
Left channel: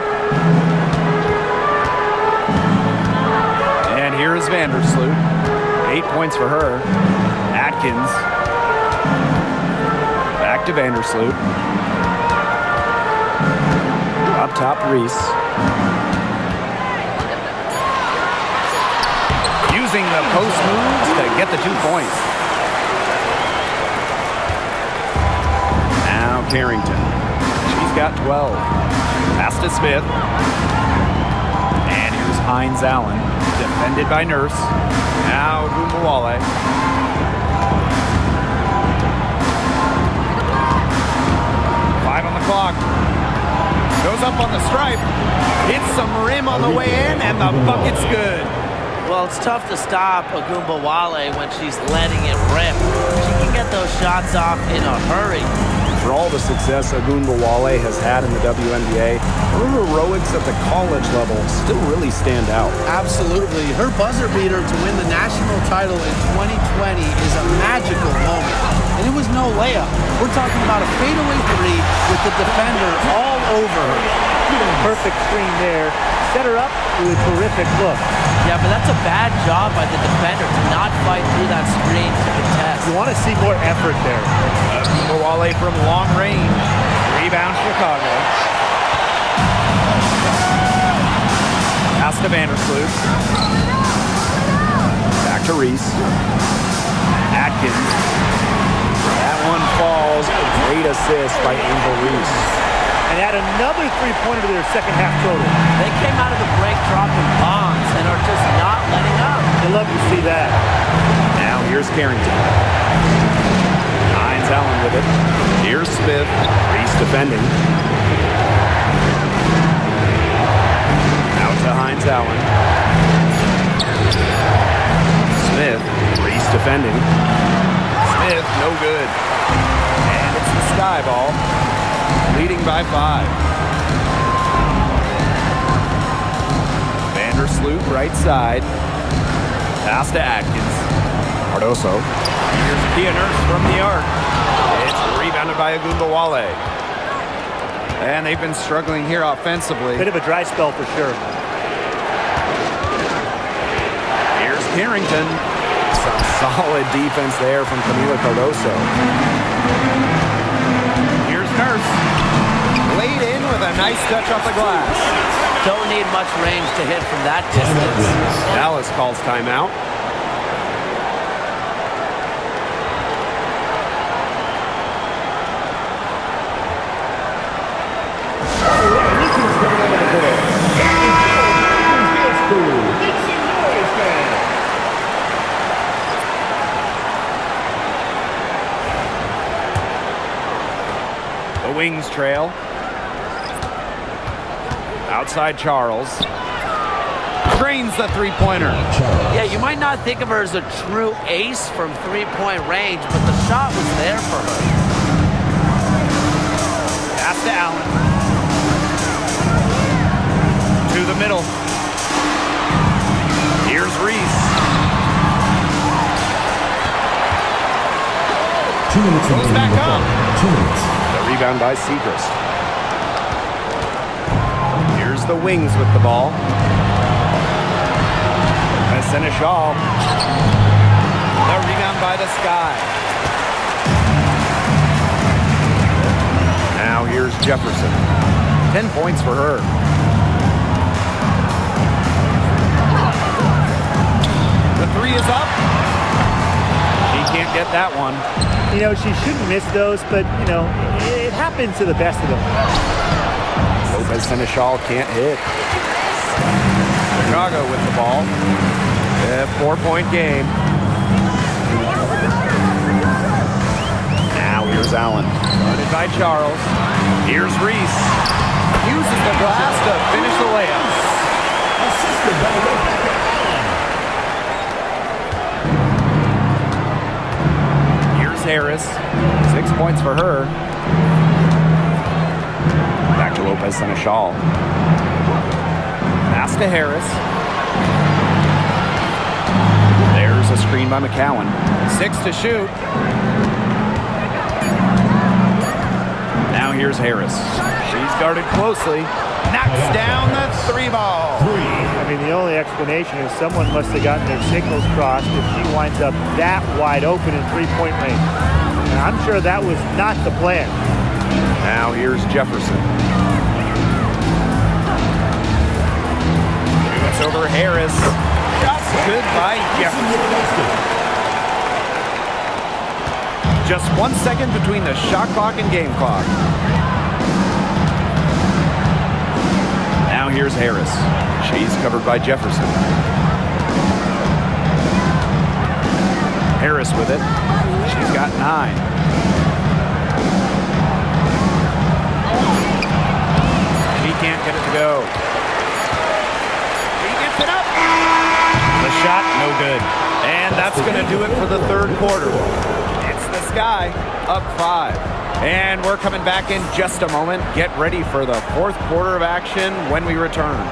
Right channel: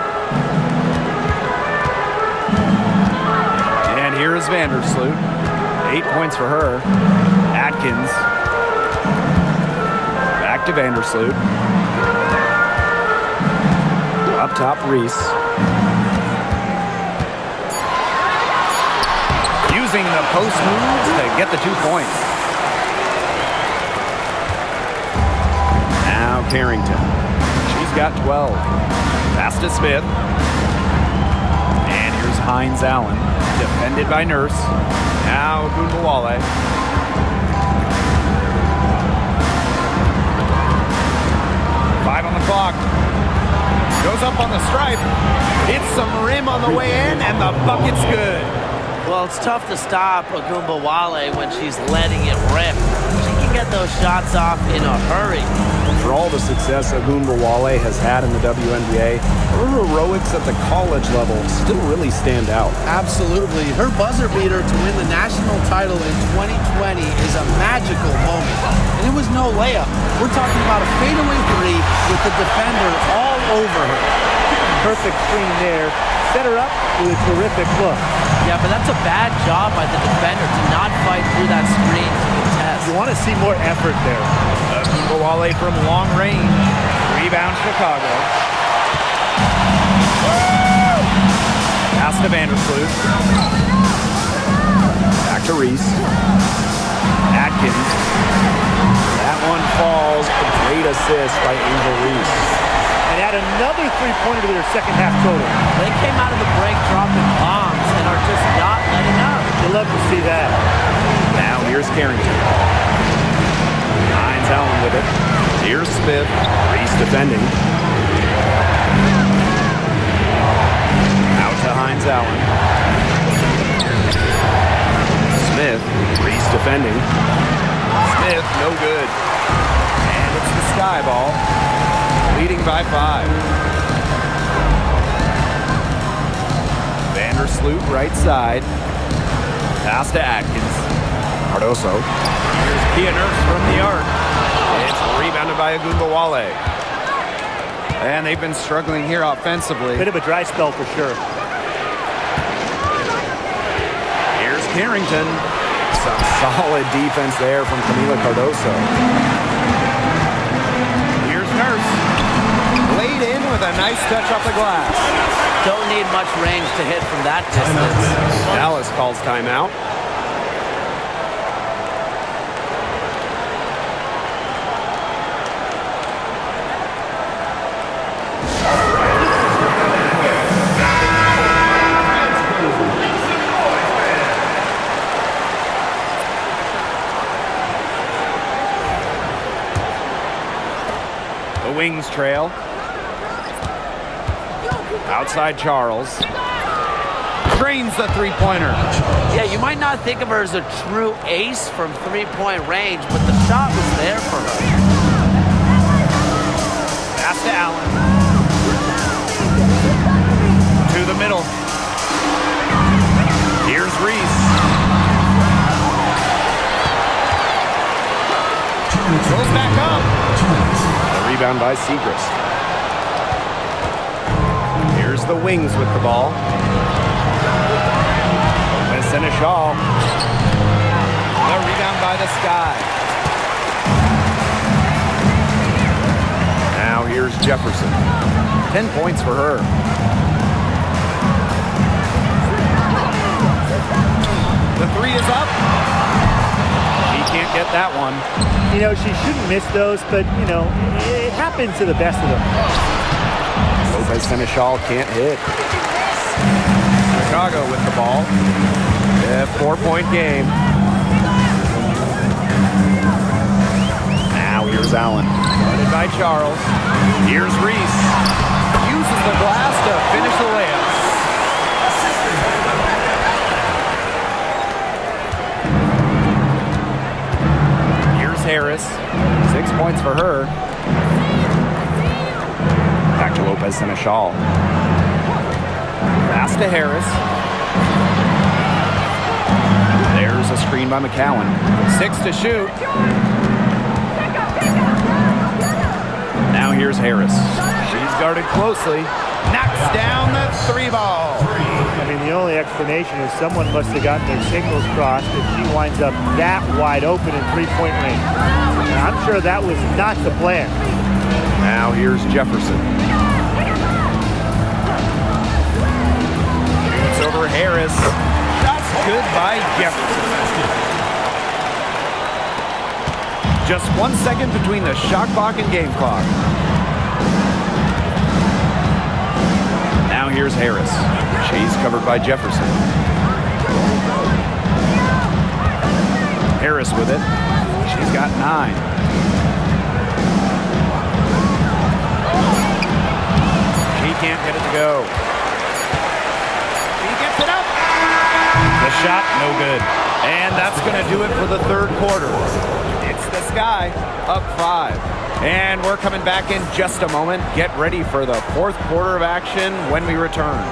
And here's Vandersloot. 8 points for her. Atkins. Back to Vandersloot. Up top, Reese. Using the post moves to get the 2 points. Now Carrington. She's got 12. Pass to Smith. And here's Hines Allen. Defended by Nurse. Now Agumbawale. Five on the clock. Goes up on the stripe. Hits some rim on the way in, and the bucket's good. Well, it's tough to stop Agumbawale when she's letting it rip. She can get those shots off in a hurry. For all the success Agumbawale has had in the WNBA, her heroics at the college level still really stand out. Absolutely. Her buzzer beater to win the national title in 2020 is a magical moment. And it was no layup. We're talking about a fadeaway 3 with the defender all over her. Perfect screen there. Set her up with a terrific look. Yeah, but that's a bad job by the defender to not fight through that screen to contest. You want to see more effort there. Agumbawale from long range. Rebound Chicago. Pass to Vandersloot. Back to Reese. Atkins. That one falls. A great assist by Angel Reese. And add another three-pointer to their second half total. They came out of the break dropping bombs and are just not letting up. You love to see that. Now here's Carrington. Hines Allen with it. Here's Smith. Reese defending. Out to Hines Allen. Smith. Reese defending. Smith, no good. And it's the Sky ball. Leading by 5. Vandersloot, right side. Pass to Atkins. Cardoso. Here's Kia Nurse from the arc. It's rebound. Rebounded by Agumbawale. And they've been struggling here offensively. Bit of a dry spell for sure. Here's Carrington. Some solid defense there from Camila Cardoso. Here's Nurse. Laid in with a nice touch off the glass. Don't need much range to hit from that distance. Dallas calls timeout. The Wings trail. Outside Charles. Drains the three-pointer. Yeah, you might not think of her as a true ace from three-point range, but the shot was there for her. Pass to Allen. To the middle. Here's Reese. Goes back up. The rebound by Segrist. Here's the Wings with the ball. Lopez Seneschal. The rebound by the Sky. Now here's Jefferson. 10 points for her. The three is up. She can't get that one. You know, she shouldn't miss those, but, you know, it happens to the best of them. Lopez Seneschal can't hit. Chicago with the ball. A 4-point game. Now here's Allen. Guarded by Charles. Here's Reese. Uses the glass to finish the layup. Here's Harris. 6 points for her. Back to Lopez Seneschal. Pass to Harris. There's a screen by McCowan. 6 to shoot. Now here's Harris. She's guarded closely. Knocks down the three ball. I mean, the only explanation is someone must have gotten their signals crossed if she winds up that wide open in three-point range. And I'm sure that was not the plan. Now here's Jefferson. Shoots over Harris. Shots good by Jefferson. Just 1 second between the shot clock and game clock. Now here's Harris. She's covered by Jefferson. Harris with it. She's got 9. She can't get it to go. She gets it up. The shot, no good. And that's going to do it for the third quarter. It's the Sky, up 5. And we're coming back in just a moment. Get ready for the fourth quarter of action when we return.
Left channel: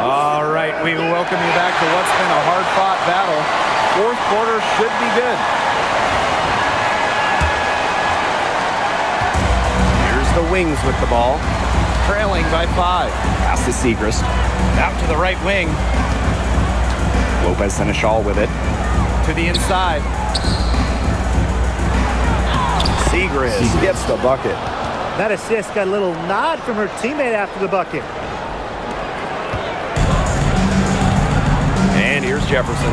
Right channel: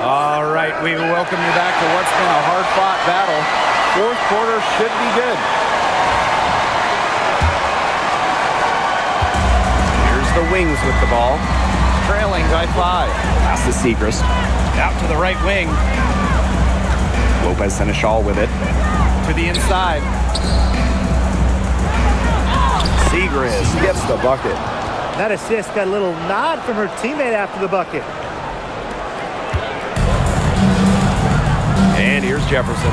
All right, we welcome you back to what's been a hard-fought battle. Fourth quarter should be good. Here's the Wings with the ball. Trailing by 5. Pass to Segrist. Out to the right wing. Lopez Seneschal with it. To the inside. Segrist gets the bucket. That assist got a little nod from her teammate after the bucket. And here's Jefferson.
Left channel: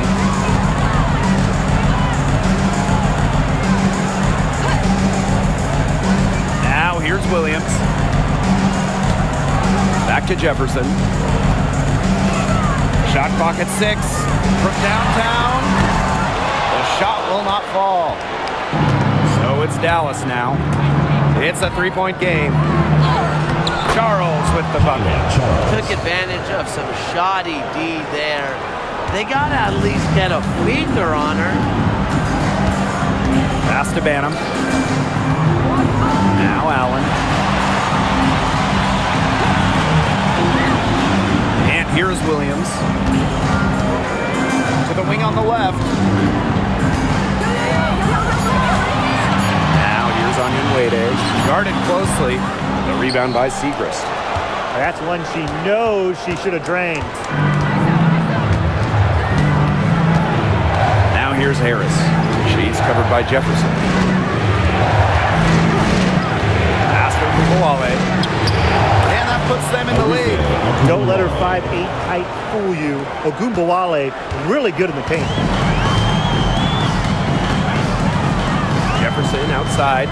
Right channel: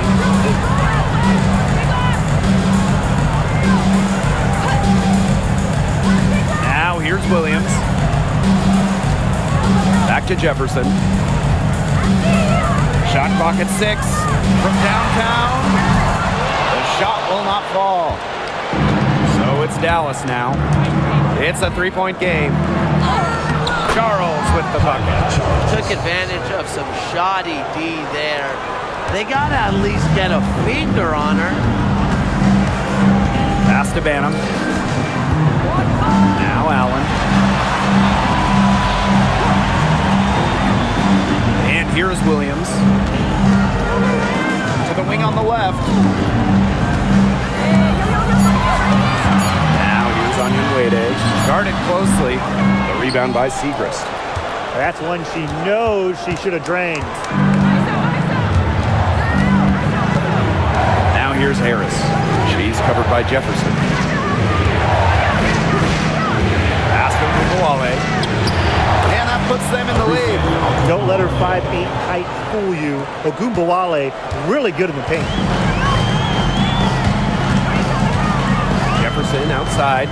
Now here's Williams. Back to Jefferson. Shot clock at 6. From downtown. The shot will not fall. So it's Dallas now. It's a 3-point game. Charles with the bucket. Took advantage of some shoddy D there. They got to at least get a finger on her. Pass to Banham. Now Allen. And here's Williams. To the wing on the left. Now here's Onyenwere. Guarded closely. The rebound by Segrist. That's one she knows she should have drained. Now here's Harris. She's covered by Jefferson. Pass to Ogunbowale. And that puts them in the lead. Don't let her 5'8" height fool you. Ogunbowale really good in the paint. Jefferson outside.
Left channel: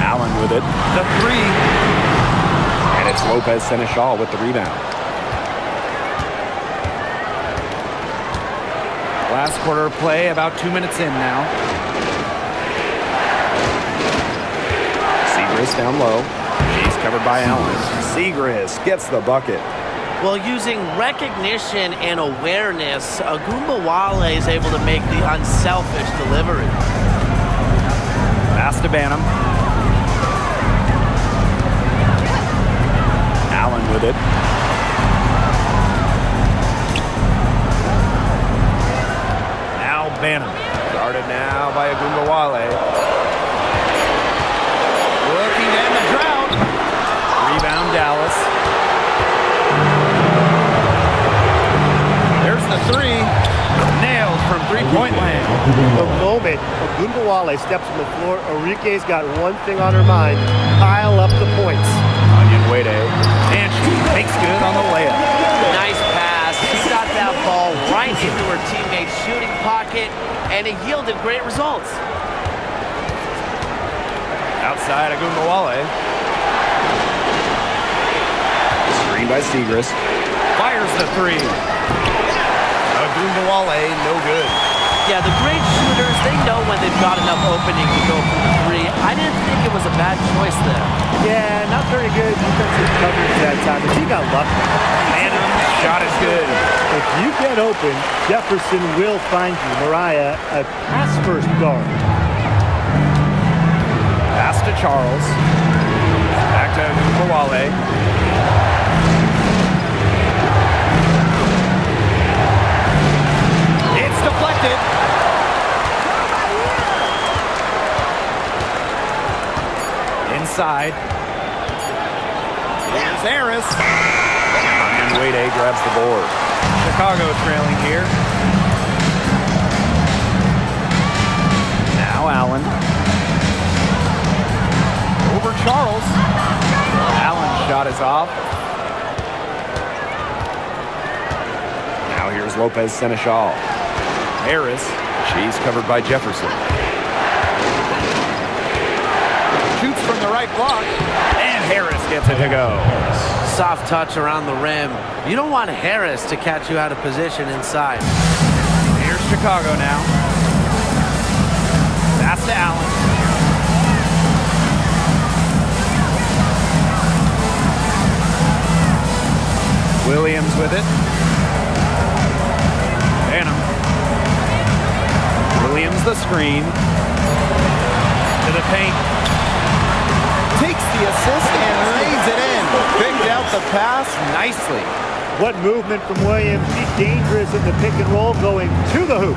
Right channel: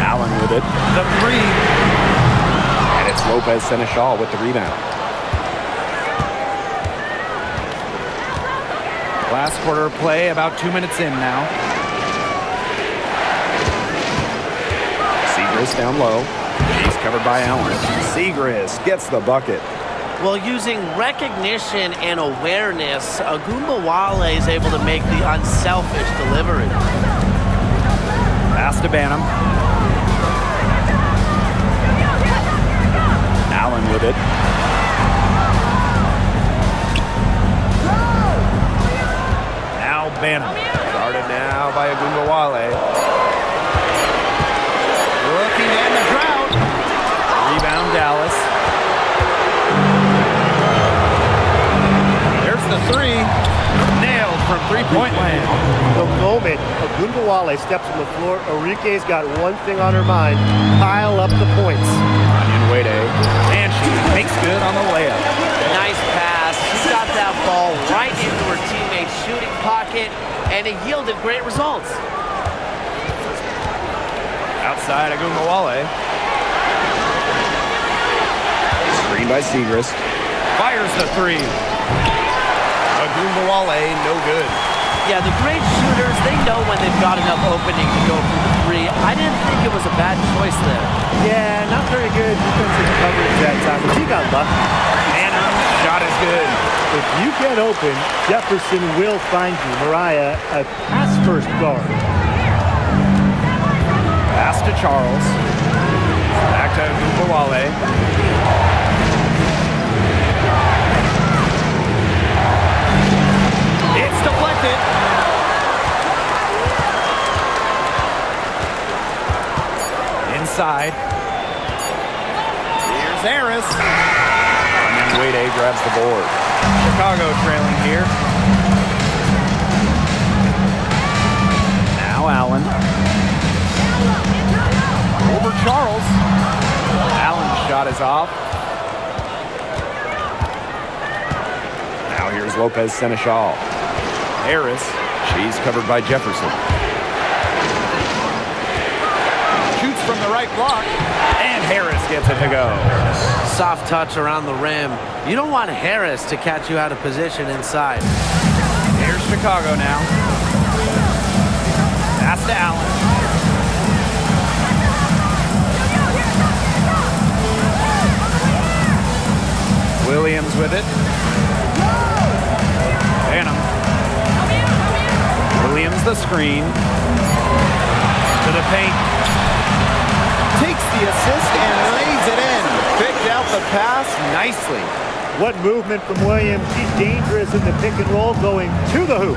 Allen with it. The three. And it's Lopez Seneschal with the rebound. Last quarter of play, about 2 minutes in now. Segrist down low. She's covered by Allen. Segrist gets the bucket. Well, using recognition and awareness, Ogunbowale is able to make the unselfish delivery. Pass to Banham. Allen with it. Now Banham. Guarded now by Ogunbowale. Looking to end the drought. Rebound Dallas. There's the three. Nailed from three-point land. The moment Ogunbowale steps on the floor, Enrique's got one thing on her mind: pile up the points. Onyenwere. And she makes good on the layup. Nice pass. She got that ball right into her teammate's shooting pocket, and it yielded great results. Outside Ogunbowale. Screen by Segrist. Fires the three. Ogunbowale, no good. Yeah, the great shooters, they know when they've got enough opening to go for the three. I didn't think it was a bad choice there. Yeah, not very good defensive coverage that time, but she got lucky. Banham's shot is good. If you get open, Jefferson will find you. Mariah, a pass-first guard. Pass to Charles. Back to Ogunbowale. It's deflected. Inside. Here's Harris. Onyenwere grabs the board. Chicago trailing here. Now Allen. Over Charles. Allen's shot is off. Now here's Lopez Seneschal. Harris. She's covered by Jefferson. Shoots from the right block. And Harris gets it to go. Soft touch around the rim. You don't want Harris to catch you out of position inside. Here's Chicago now. Pass to Allen. Williams with it. Banham. Williams the screen. To the paint. Takes the assist and lays it in. Picked out the pass nicely. What movement from Williams. She's dangerous in the pick and roll going to the hoop.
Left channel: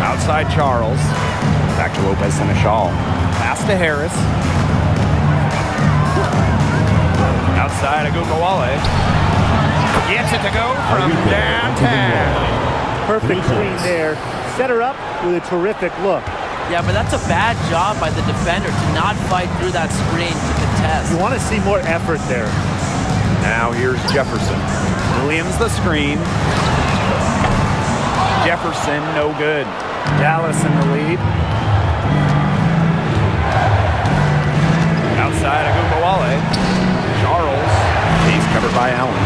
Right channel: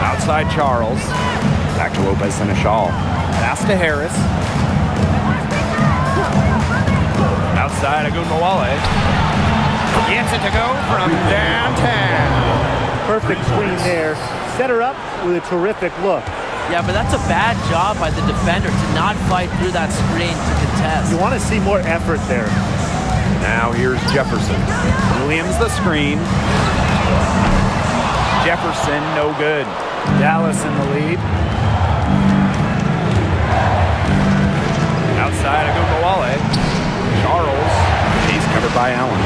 Outside Charles. Back to Lopez Seneschal. Pass to Harris. Outside Ogunbowale. Gets it to go from downtown. Perfect screen there. Set her up with a terrific look. Yeah, but that's a bad job by the defender to not fight through that screen to contest. You want to see more effort there. Now here's Jefferson. Williams the screen. Jefferson no good. Dallas in the lead. Outside Ogunbowale. Charles. She's covered by Allen.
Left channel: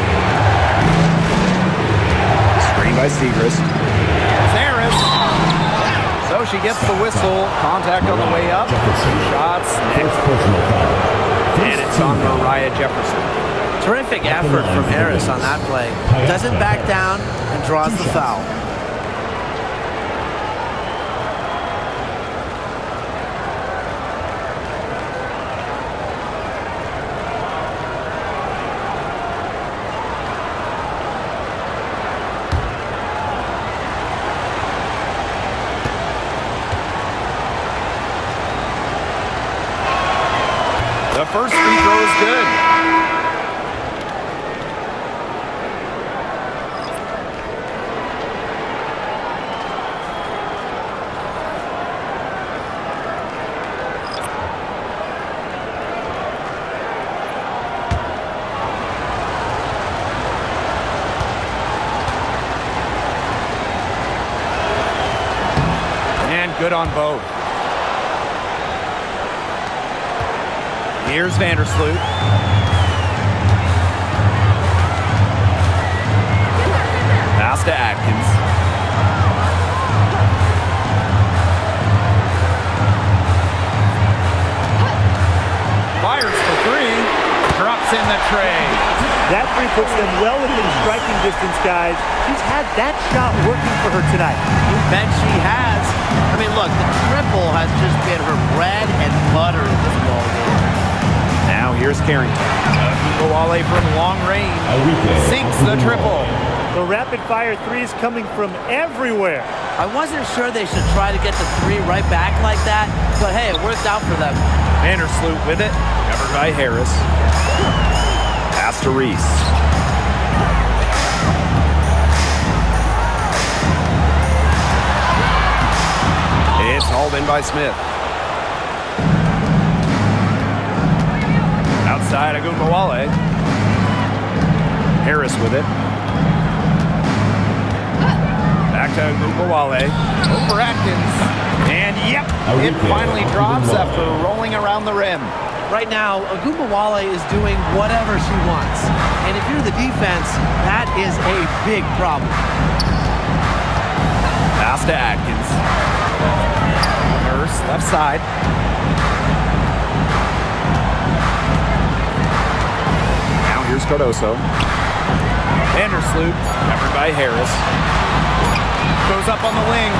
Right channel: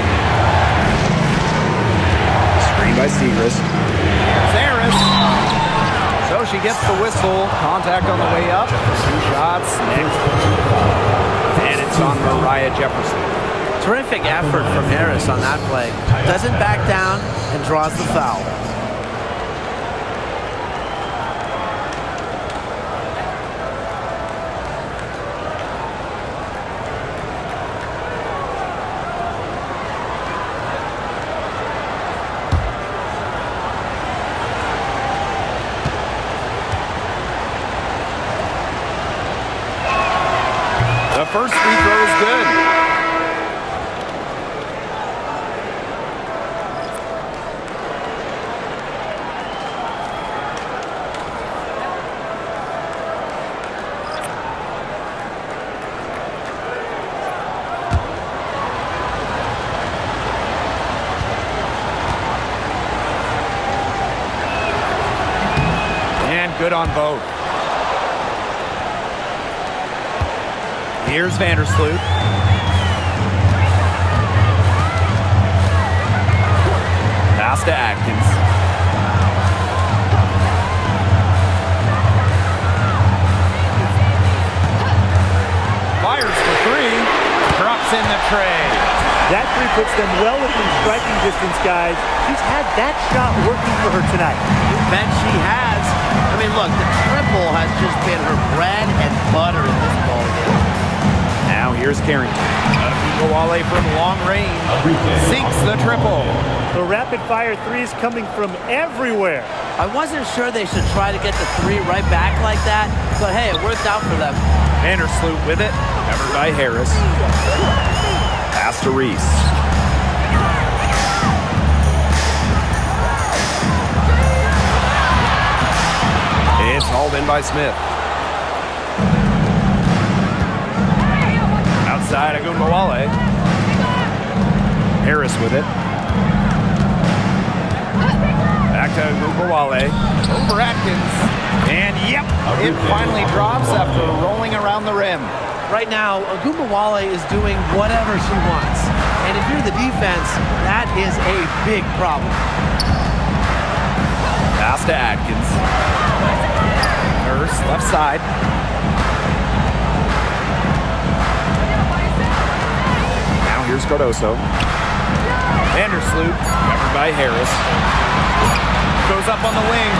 Screen by Segrist. Here's Harris. So she gets the whistle. Contact on the way up. 2 shots next. And it's on Mariah Jefferson. Terrific effort from Harris on that play. Doesn't back down and draws the foul. The first free throw is good. And good on both. Here's Vandersloot. Pass to Atkins. Fires for three. Drops in the tray. That three puts them well within striking distance, guys. She's had that shot working for her tonight. You bet she has. I mean, look, the triple has just been her bread and butter in this ball game. Now here's Carrington. Agumbawale from long range. Sinks the triple. The rapid-fire threes coming from everywhere. I wasn't sure they should try to get the three right back like that, but hey, it worked out for them. Vandersloot with it. Covered by Harris. Pass to Reese. It's hauled in by Smith. Outside Agumbawale. Harris with it. Back to Agumbawale. Over Atkins. And yep, it finally drops after rolling around the rim. Right now, Agumbawale is doing whatever she wants. And if you're the defense, that is a big problem. Pass to Atkins. Nurse, left side. Now here's Cardoso. Vandersloot, covered by Harris. Goes up on the wing.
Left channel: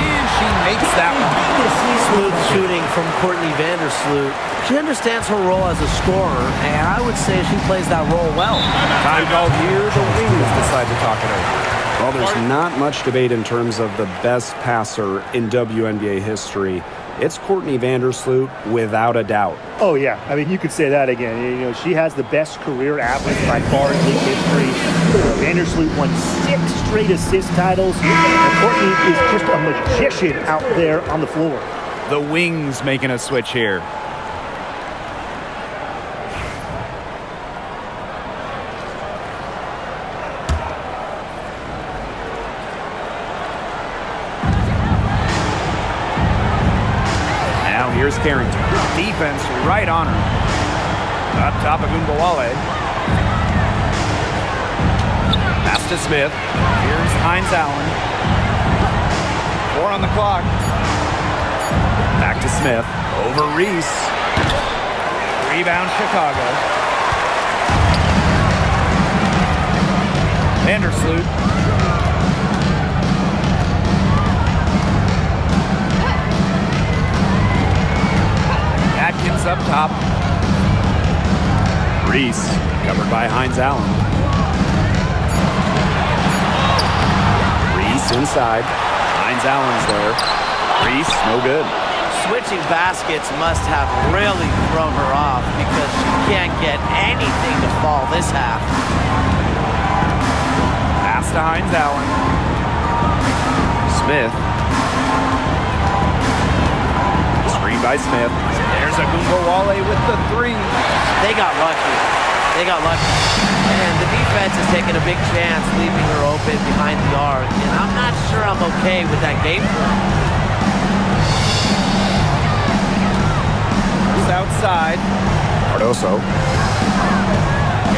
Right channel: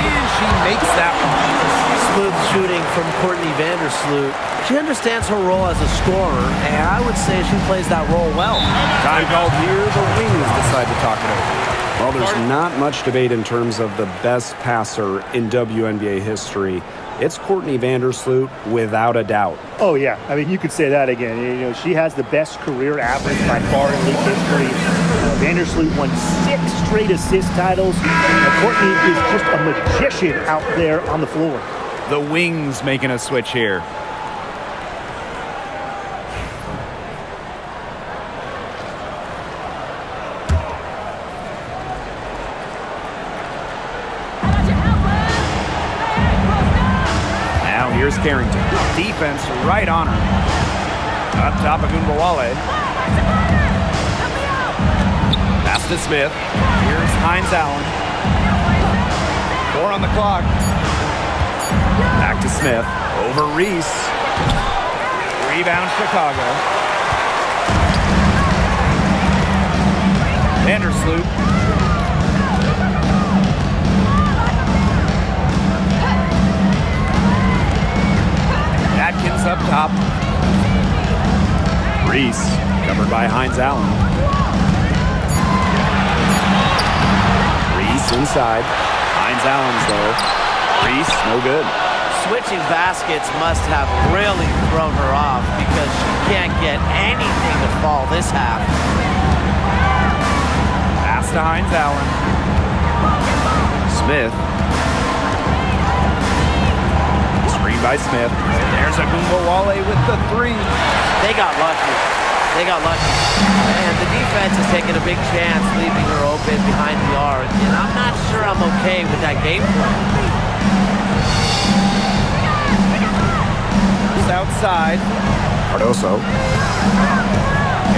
And she makes that one. Smooth shooting from Courtney Vandersloot. She understands her role as a scorer, and I would say she plays that role well. Time called here. The Wings decide to talk it over. Well, there's not much debate in terms of the best passer in WNBA history. It's Courtney Vandersloot, without a doubt. Oh, yeah. I mean, you could say that again. You know, she has the best career average by far in league history. Vandersloot won 6 straight assist titles. Courtney is just a magician out there on the floor. The Wings making a switch here. Now here's Carrington. Defense right on her. Up top of Agumbawale. Pass to Smith. Here's Hines Allen. 4 on the clock. Back to Smith. Over Reese. Rebound Chicago. Vandersloot. Atkins up top. Reese, covered by Hines Allen. Reese inside. Hines Allen's there. Reese, no good. Switching baskets must have really thrown her off because she can't get anything to fall this half. Pass to Hines Allen. Smith. Screen by Smith. There's Agumbawale with the 3. They got lucky. They got lucky. And the defense is taking a big chance leaving her open behind the arc. And I'm not sure I'm okay with that game plan. First outside. Cardoso.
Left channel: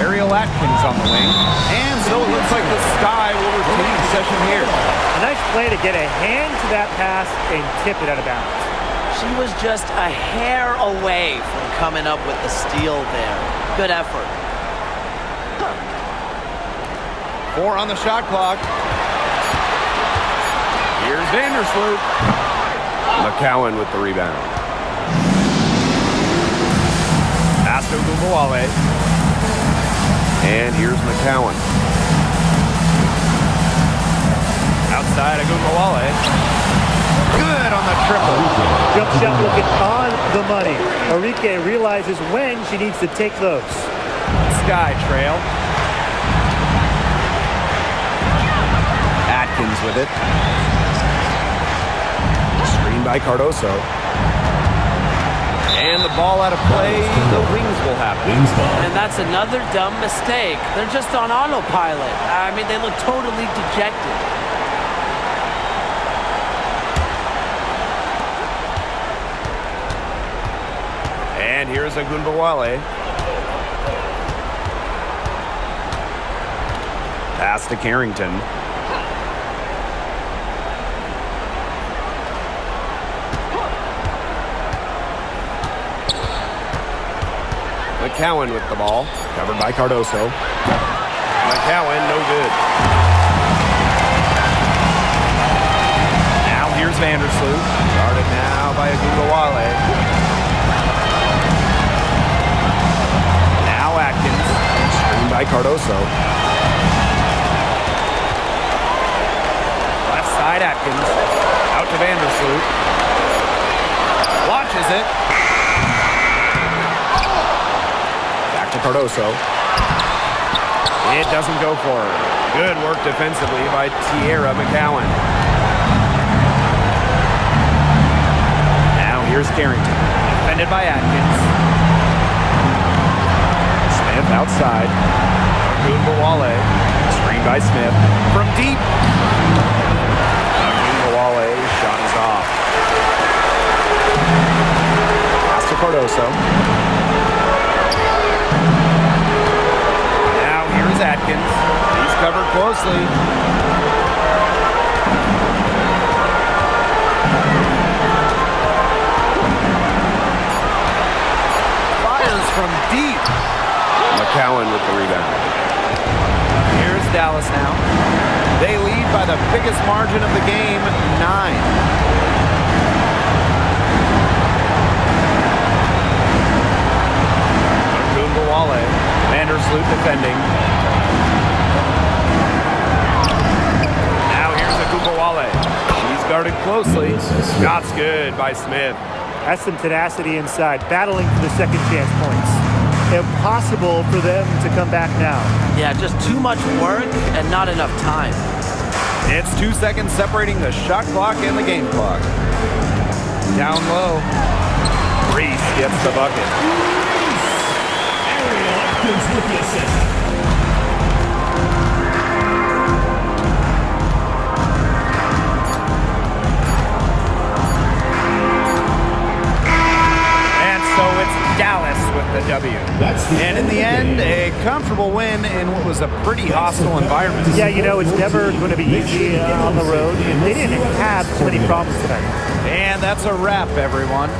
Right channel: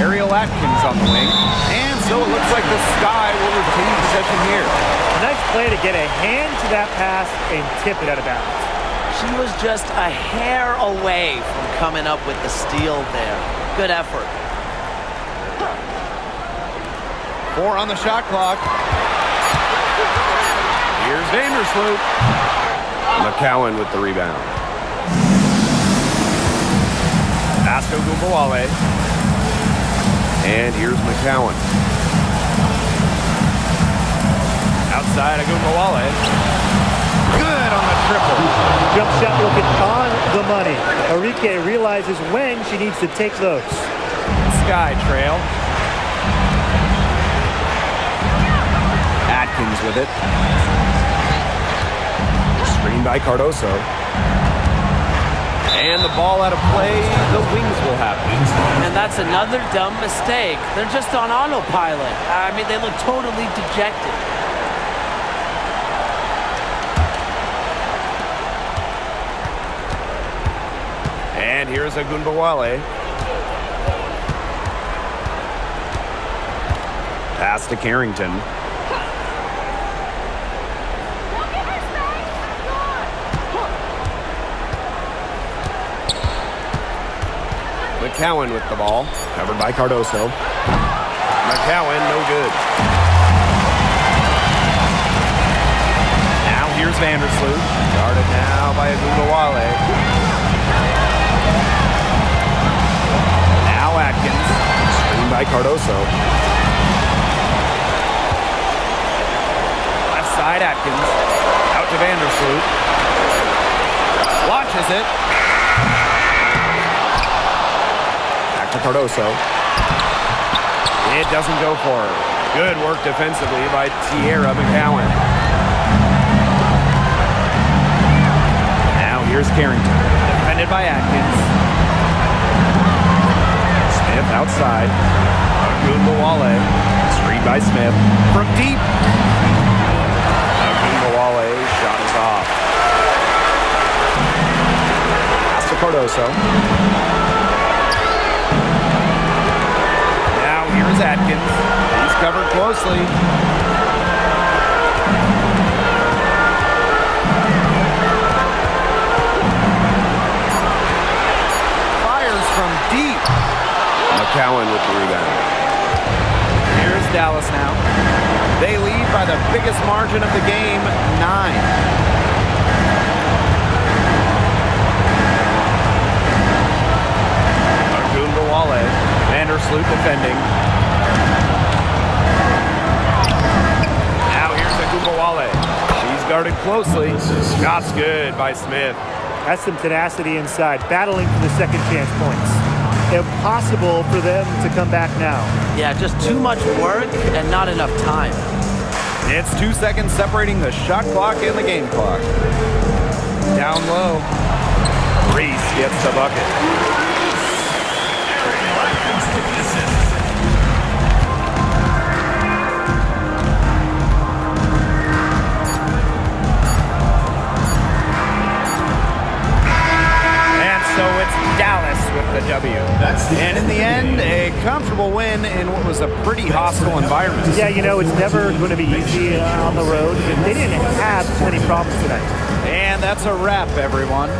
Ariel Atkins on the wing. And so it looks like the Sky will retain possession here. A nice play to get a hand to that pass and tip it out of bounds. She was just a hair away from coming up with the steal there. Good effort. 4 on the shot clock. Here's Vandersloot. McCowan with the rebound. Pass to Agumbawale. And here's McCowan. Outside Agumbawale. Good on the triple. Jump shot looking on the money. Enrique realizes when she needs to take those. Sky trail. Atkins with it. Screen by Cardoso. And the ball out of play. The Wings will have it. And that's another dumb mistake. They're just on autopilot. I mean, they look totally dejected. And here's Agunbawale. Pass to Carrington. McCowan with the ball. Covered by Cardoso. McCowan, no good. Now here's Vandersloot. Guarded now by Agunbawale. Now Atkins. Screened by Cardoso. Left side Atkins. Out to Vandersloot. Launches it. Back to Cardoso. It doesn't go for her. Good work defensively by Tierra McCowan. Now here's Carrington. Defended by Atkins. Smith outside. Agunbawale. Screen by Smith. From deep. Agunbawale. Shot is off. Pass to Cardoso. Now here's Atkins. He's covered closely. Fires from deep. McCowan with the rebound. Here's Dallas now. They lead by the biggest margin of the game, 9. Agunbawale. Vandersloot defending. Now here's Agunbawale. She's guarded closely. Shot's good by Smith. That's some tenacity inside, battling for the second chance points. Impossible for them to come back now. Yeah, just too much work and not enough time. It's 2 seconds separating the shot clock and the game clock. Down low. Reese gets the bucket. And so it's Dallas with the W. And in the end, a comfortable win in what was a pretty hostile environment. Yeah, you know, it's never going to be easy on the road. And they didn't have too many problems tonight. And that's a wrap, everyone.